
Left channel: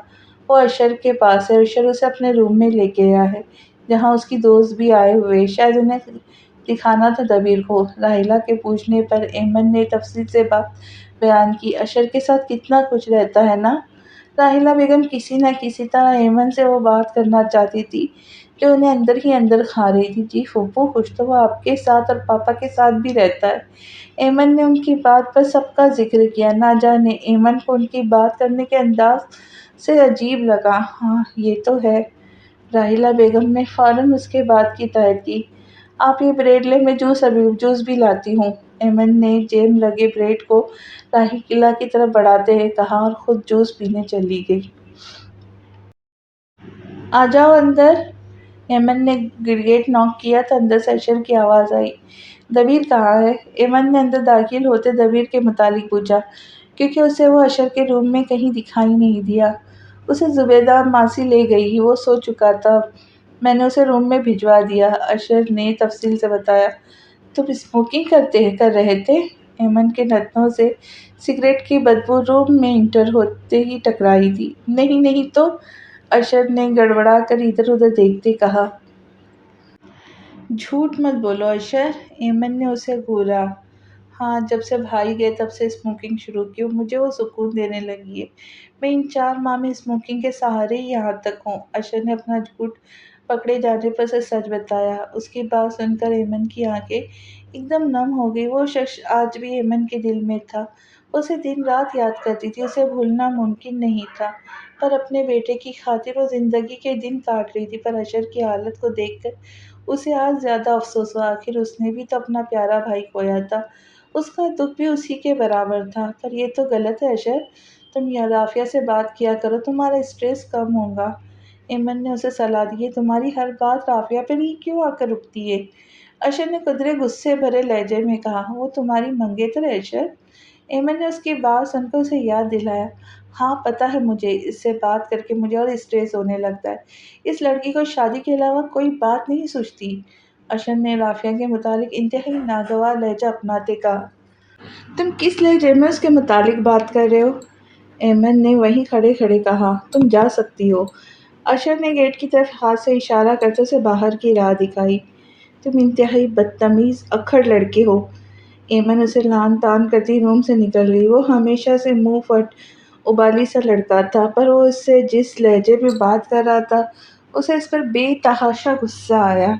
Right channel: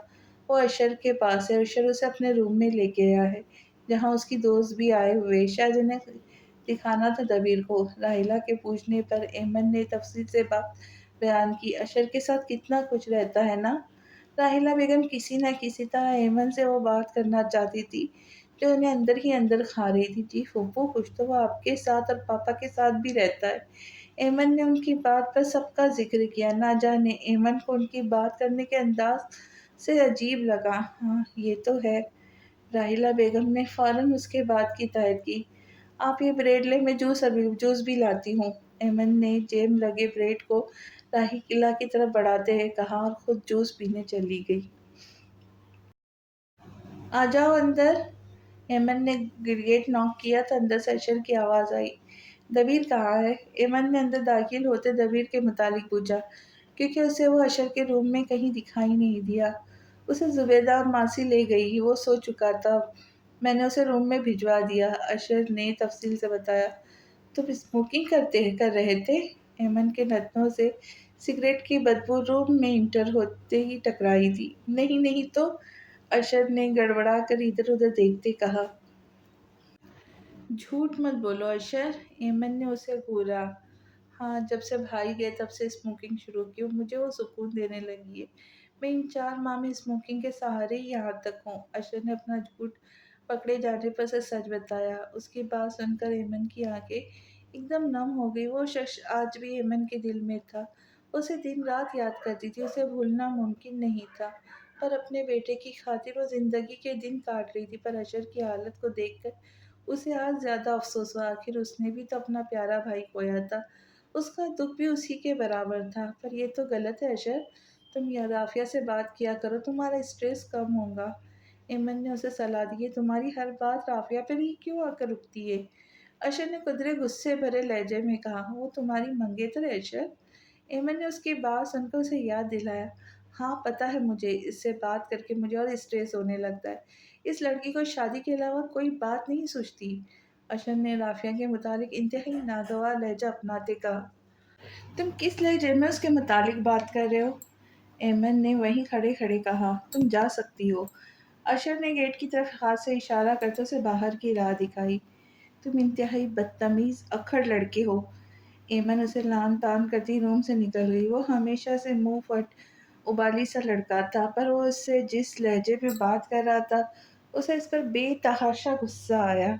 وہ اشر کے پاس ہے، اشر اسے اپنے روم میں لے کے گیا ہے، جہاں اس کی دوست بھی آئے ہوئے، شاید انہیں دکھانا تھا دبیر کو۔ راحیلہ کے پوچھنے پر ایمن نے تفصیل سے بات بیان کی۔ اشر کے ساتھ کتنا کچھ رہتا ہے نا؟ راحیلہ بیگم کسی نہ کسی طرح ایمن سے وہ بات کرنا چاہتی تھی جو انہیں اندر ہی اندر کھا رہی تھی۔ جی پھوپھو، کچھ تو وہ آپ کے ساتھ اور پاپا کے ساتھ بھی رہتا ہے۔ ایمن نے ان کی بات پر سب کا ذکر کیا۔ نہ جانے ایمن کو ان کی بات کرنے کے انداز سے عجیب لگا۔ ہاں یہ تو ہے۔ راحیلہ بیگم نے فوراً اس کے بات کی تائید کی۔ آپ یہ بریڈ لیں، میں جوس بھی لاتی ہوں۔ ایمن نے جیم لگے بریڈ کو راحیلہ کی طرف بڑھاتے ہوئے کہا اور خود جوس پینے چلی گئی۔ آ جاؤ اندر۔ ایمن نے گڑگیٹ ناک کیا تو اندر سے اشر کی آواز آئی۔ دبیر کہاں ہے؟ ایمن نے اندر داخل ہوتے دبیر کے متعلق پوچھا، کیونکہ اسے وہ اشر کے روم میں کہیں دکھائی نہیں دیا۔ اسے زبیدہ ماسی لے گئی، وہ سو چکا تھا، میں نے اسے روم میں بھجوا دیا، اشر نے تفصیل سے بتایا۔ تم اسموکنگ کر رہے تھے؟ ایمن کے نتنوں سے سگریٹ کی بدبو روم میں انٹر ہوتے ہی ٹکرائی تھی۔ نہیں نہیں تو، اشر نے گڑبڑا کر ادھر ادھر دیکھتے کہا۔ جھوٹ مت بولو اشر، ایمن نے اسے گھورا۔ ہاں، جب سے بھائی گئے تب سے اسموکنگ شروع کی، مجھے وہ سکون دینے لگی ہے۔ میں ان 4 ماہ میں اسموکنگ کے سہارے ہی یہاں تک ہوں۔ اشر نے اپنا جھوٹ پکڑے جانے پر سے سچ بتایا۔ اس کی بات سن کر ایمن کی آنکھیں ایک دم نم ہو گئی۔ وہ شخص آج بھی ایمن کے دل میں تھا، اسے دن رات یاد کرتی تھی، اسے بھولنا ممکن نہیں تھا، پر اپنے بیٹے کی خاطر وہ زندگی کے دن کاٹ رہی تھی۔ پر اشر کی حالت کو دیکھ کر اسے آج زیادہ افسوس ہوا، آخر اس نے بھی تو اپنا پیارا بھائی کھویا تھا، اس کا دکھ بھی اسی کے برابر تھا۔ پر یہ تو غلط ہے اشر، تم رافیہ سے بات کیا کرو، تمہارا اسٹریس کم ہوگا۔ ایمن نے اسے صلاح دی، تمہاری ہر بات رافیہ پر ہی کیوں آ کر رکتی ہے؟ اشر نے قدرے غصے بھرے لہجے میں کہا۔ وہ تمہاری منگیتر ہے اشر؟ ایمن نے اس کی بات سن کر اسے یاد دلایا۔ ہاں پتہ ہے مجھے، اس سے بات کر کے مجھے اور اسٹریس ہونے لگتا ہے۔ اس لڑکی کو شادی کے علاوہ کوئی بات نہیں سوچتی۔ اشر نے رافیہ کے متعلق انتہائی ناگوار لہجہ اپناتے کہا۔ تم کس لہجے میں اس کے متعلق بات کر رہے ہو؟ ایمن نے وہیں کھڑے کھڑے کہا۔ تم جا سکتی ہو۔ اشر نے گیٹ کی طرف ہاتھ سے اشارہ کرتے اسے باہر کی راہ دکھائی۔ تم انتہائی بدتمیز اکھڑ لڑکے ہو۔ ایمن اسے لان تان کرتی روم سے نکل گئی۔ وہ ہمیشہ سے منہ پھٹ ابالی سا لڑکا تھا، پر وہ اس سے جس لہجے میں بات کر رہا تھا، اسے اس پر بے تحاشا غصہ آیا۔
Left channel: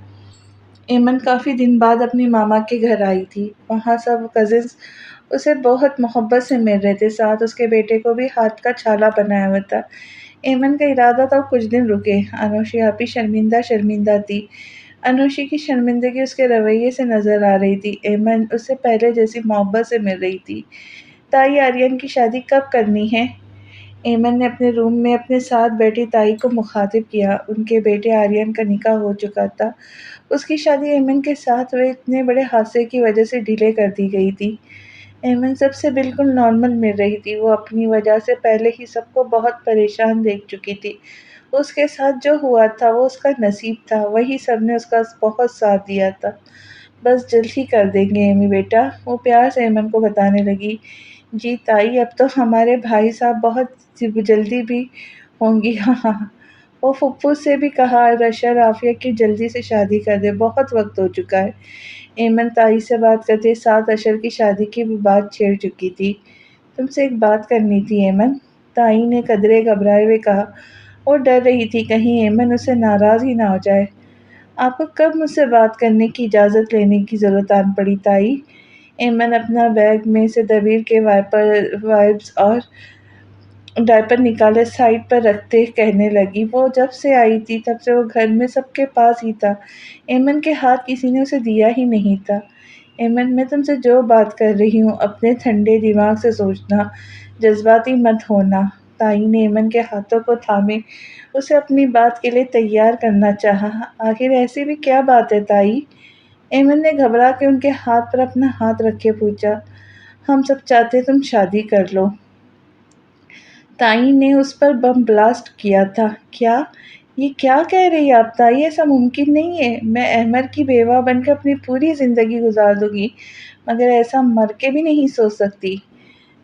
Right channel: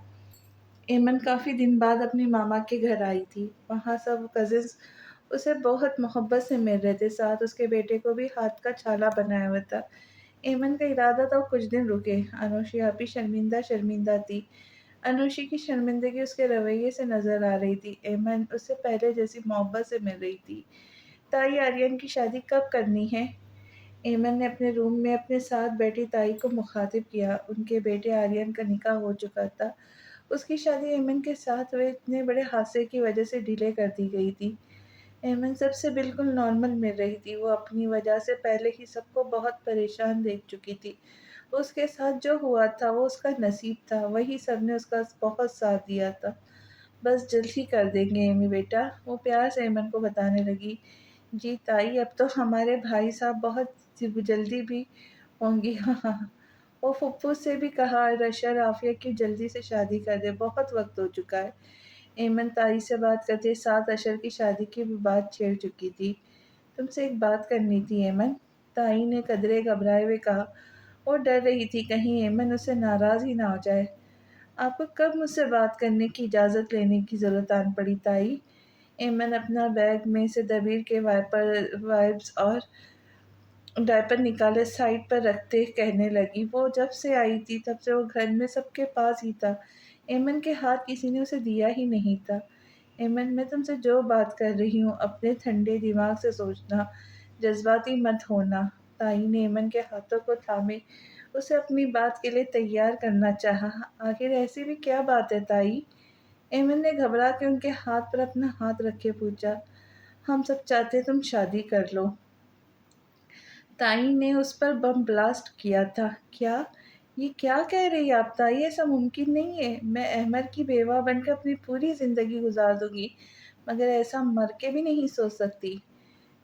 ایمن کافی دن بعد اپنی ماما کے گھر آئی تھی۔ وہاں سب کزنز اسے بہت محبت سے مل رہے تھے، ساتھ اس کے بیٹے کو بھی ہاتھ کا چھالا بنایا ہوا تھا۔ ایمن کا ارادہ تھا وہ کچھ دن رکے۔ انوشی آپی شرمندہ شرمندہ تھی۔ انوشی کی شرمندگی اس کے رویے سے نظر آ رہی تھی۔ ایمن اس سے پہلے جیسی محبت سے مل رہی تھی۔ تائی آرین کی شادی کب کرنی ہے؟ ایمن نے اپنے روم میں اپنے ساتھ بیٹھی تائی کو مخاطب کیا۔ ان کے بیٹے آرین کا نکاح ہو چکا تھا، اس کی شادی ایمن کے ساتھ ہوئے اتنے بڑے حادثے کی وجہ سے ڈیلے کر دی گئی تھی۔ ایمن سب سے بالکل نارمل مل رہی تھی، وہ اپنی وجہ سے پہلے ہی سب کو بہت پریشان دیکھ چکی تھی۔ اس کے ساتھ جو ہوا تھا وہ اس کا نصیب تھا، وہی سب نے اس کا بہت ساتھ دیا تھا۔ بس جلد ہی کر دیں گے ایمی بیٹا، وہ پیار سے ایمن کو بتانے لگی۔ جی تائی، اب تو ہمارے بھائی صاحب بہت جلدی بھی ہوں گی۔ ہاں ہاں، وہ پھپھو سے بھی کہا اشر رافیہ کی جلدی سے شادی کر دے، بہت وقت ہو چکا ہے۔ ایمن تائی سے بات کرتے ساتھ اشر کی شادی کی بھی بات چھیڑ چکی تھی۔ تم سے ایک بات کرنی تھی ایمن، تائی نے قدرے گھبرائے ہوئے کہا۔ وہ ڈر رہی تھی کہیں ایمن اس سے ناراض ہی نہ ہو جائے۔ آپ کو کب مجھ سے بات کرنے کی اجازت لینے کی ضرورت آن پڑی تائی؟ ایمن اپنا بیگ میں سے دبیر کے وائپس اور ڈائپر نکالے سائڈ پر رکھتے کہنے لگی۔ وہ جب سے آئی تھی تب سے وہ گھر میں سب کے پاس ہی تھا، ایمن کے ہاتھ کسی نے اسے دیا ہی نہیں تھا۔ ایمن، میں تم سے جو بات کر رہی ہوں اپنے ٹھنڈے دماغ سے سوچنا، جذباتی مت ہونا۔ تائی نے ایمن کے ہاتھوں کو تھامے اسے اپنی بات کے لیے تیار کرنا چاہا۔ آخر ایسی بھی کیا بات ہے تائی؟ ایمن نے گھبرا کے ان کے ہاتھ پر اپنا ہاتھ رکھے پوچھا۔ ہم سب چاہتے تم شادی کر لو۔ تائی نے اس پر بم بلاسٹ کیا تھا۔ کیا؟ یہ کیا کہہ رہی آپ تائی؟ ایسا ممکن نہیں ہے۔ میں احمد کی بیوہ بن کر اپنی پوری زندگی گزار دوں گی، مگر ایسا مر کے بھی نہیں سوچ سکتی۔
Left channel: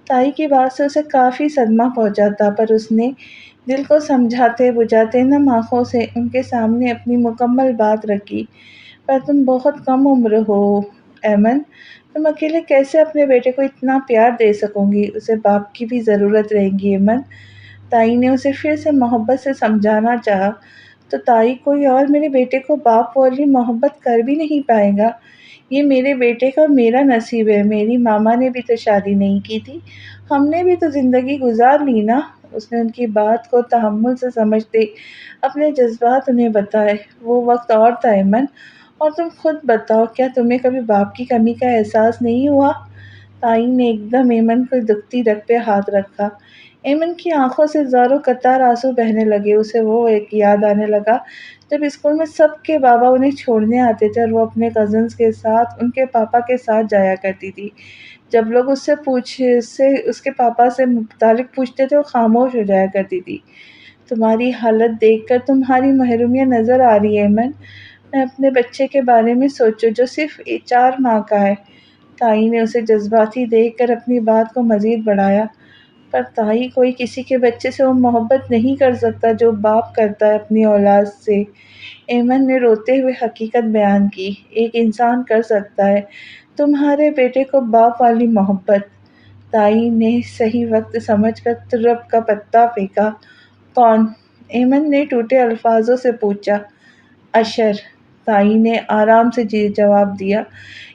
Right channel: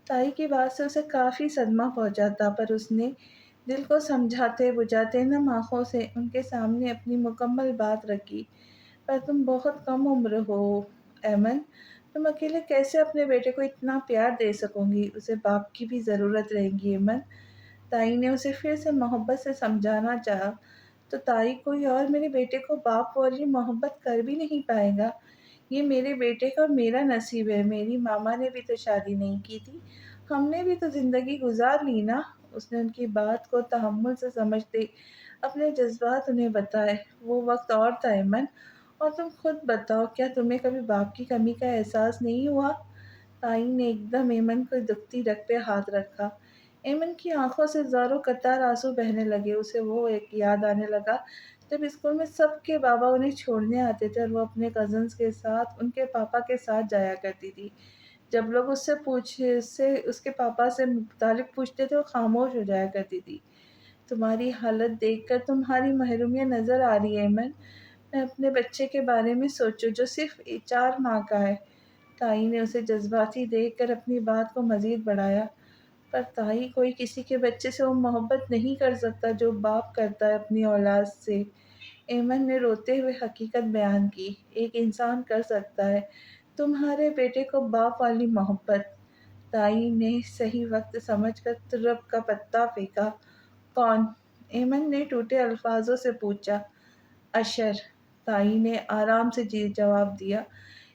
تائی کی بات سے اسے کافی صدمہ پہنچا تھا، پر اس نے دل کو سمجھاتے بجھاتے نم آنکھوں سے ان کے سامنے اپنی مکمل بات رکھی۔ پر تم بہت کم عمر ہو ایمن، تم اکیلے کیسے اپنے بیٹے کو اتنا پیار دے سکو گی؟ اسے باپ کی بھی ضرورت رہے گی ایمن۔ تائی نے اسے پھر سے محبت سے سمجھانا چاہا۔ تو تائی، کوئی اور میرے بیٹے کو باپ والی محبت کر بھی نہیں پائے گا؟ یہ میرے بیٹے کا میرا نصیب ہے۔ میری ماما نے بھی تو شادی نہیں کی تھی، ہم نے بھی تو زندگی گزار لی نا۔ اس نے ان کی بات کو تحمل سے سمجھتے اپنے جذبات انہیں بتائے۔ وہ وقت اور تھا ایمن، اور تم خود بتاؤ، کیا تمہیں کبھی باپ کی کمی کا احساس نہیں ہوا؟ تائی نے ایک دم ایمن کو دکھتی رگ پہ ہاتھ رکھا۔ ایمن کی آنکھوں سے زاروں قطار آنسو بہنے لگے۔ اسے وہ ایک یاد آنے لگا جب اسکول میں سب کے بابا انہیں چھوڑنے آتے تھے اور وہ اپنے کزنز کے ساتھ ان کے پاپا کے ساتھ جایا کرتی تھی۔ جب لوگ اس کے پاپا سے متعلق پوچھتے تھے وہ خاموش ہو جایا کرتی تھی۔ تمہاری حالت دیکھ کر تمہاری محرومیت نظر آ رہی ہے ایمن، میں اپنے بچے کے بارے میں سوچوں جو صرف 4 ماہ کا ہے۔ تائی نے اسے جذباتی دیکھ کر اپنی بات کو مزید بڑھایا۔ پر تائی، کوئی کسی کے بچے سے وہ محبت نہیں کر سکتا جو باپ کرتا ہے اپنی اولاد سے۔ ایمن نے روتے ہوئے حقیقت بیان کی۔ ایک انسان کر سکتا ہے تمہارے بیٹے کو باپ والی محبت۔ تائی نے صحیح وقت سمجھ کر طرب کا پتا پھینکا۔ کون؟ ایمن نے ٹوٹے الفاظوں سے پوچھا۔ اشر، تائی نے آرام سے جواب دیا۔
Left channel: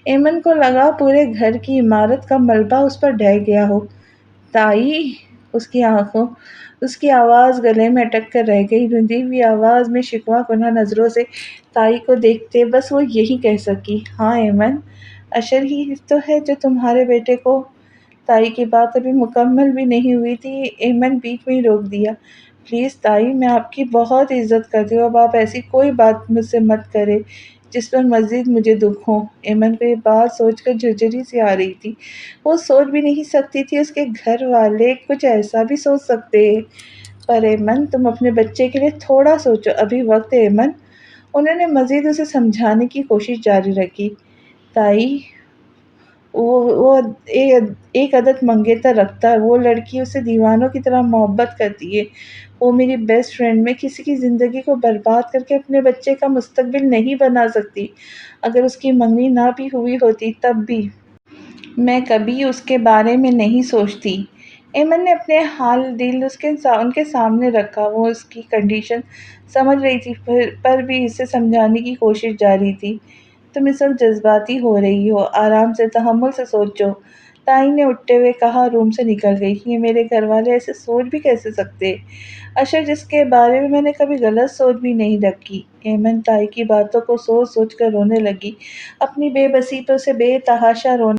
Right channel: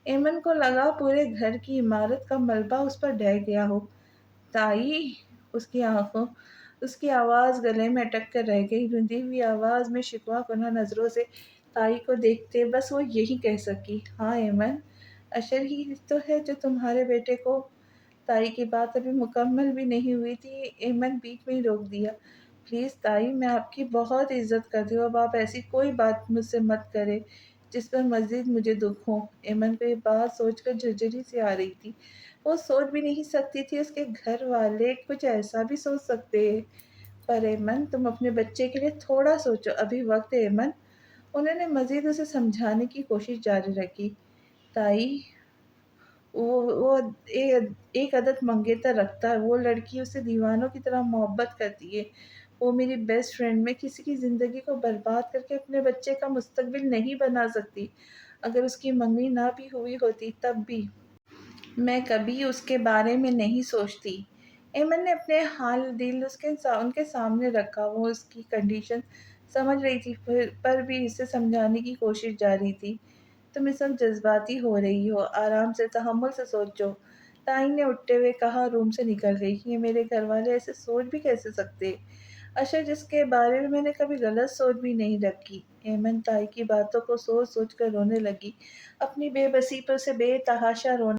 ایمن کو لگا پورے گھر کی عمارت کا ملبہ اس پر ڈھہ گیا ہو۔ تائی! اس کی آواز گلے میں اٹک کر رہ گئی۔ رندی ہوئی آواز میں شکوہ کنہ نظروں سے تائی کو دیکھتے بس وہ یہی کہہ سکی، ہاں ایمن، اشر ہی تو ہے جو تمہارے بیٹے کو۔ تائی کی بات ابھی مکمل بھی نہیں ہوئی تھی، ایمن بیچ میں ہی روک دیا۔ پلیز تائی، میں آپ کی بہت عزت کرتی ہوں، اب آپ ایسی کوئی بات مجھ سے مت کریں جس پر مزید مجھے دکھ ہو۔ ایمن کو یہ بات سوچ کر جھرجھری سی آ رہی تھی۔ وہ سوچ بھی نہیں سکتی تھی اس کے گھر والے کچھ ایسا بھی سوچ سکتے ہیں۔ پر ایمن، تم اپنے بچے کے لیے تھوڑا سوچو، ابھی وقت ہے ایمن۔ انہوں نے مزید اسے سمجھانے کی کوشش جاری رکھی۔ تائی، وہ ایک عدد منگیتر رکھتا ہے، وہ لڑکی اسے دیوانوں کی طرح محبت کرتی ہے۔ وہ میری بیسٹ فرینڈ، میں کسی کی زندگی کو برباد کر کے اپنے بچے کا مستقبل نہیں بنا سکتی۔ اگر اس کی منگنی نہ بھی ہوئی ہوتی تب بھی میں کبھی اس کے بارے میں نہیں سوچتی۔ ایمن نے اپنے حال دل ان کے سامنے رکھا۔ وہ اس کی کنڈیشن سمجھ رہی تھی پر بھی اسے سمجھانے کی کوشش جاری تھی۔ تم اس وقت جذباتی ہو رہی ہو، آرام سے، تحمل سے سوچو۔ تائی نے اٹھتے ہوئے کہا، روم سے نکل گئی۔ یہ میرے گھر والے ایسے سوچ بھی کیسے سکتے؟ اشر، جس کے بارے میں نے کبھی غلط سوچ بھی نہیں رکھی۔ ایمن تائی کی باتوں کو سوچ سوچ کر رونے لگی، اپنی بے بسی پر اسے بے تحاشا رونا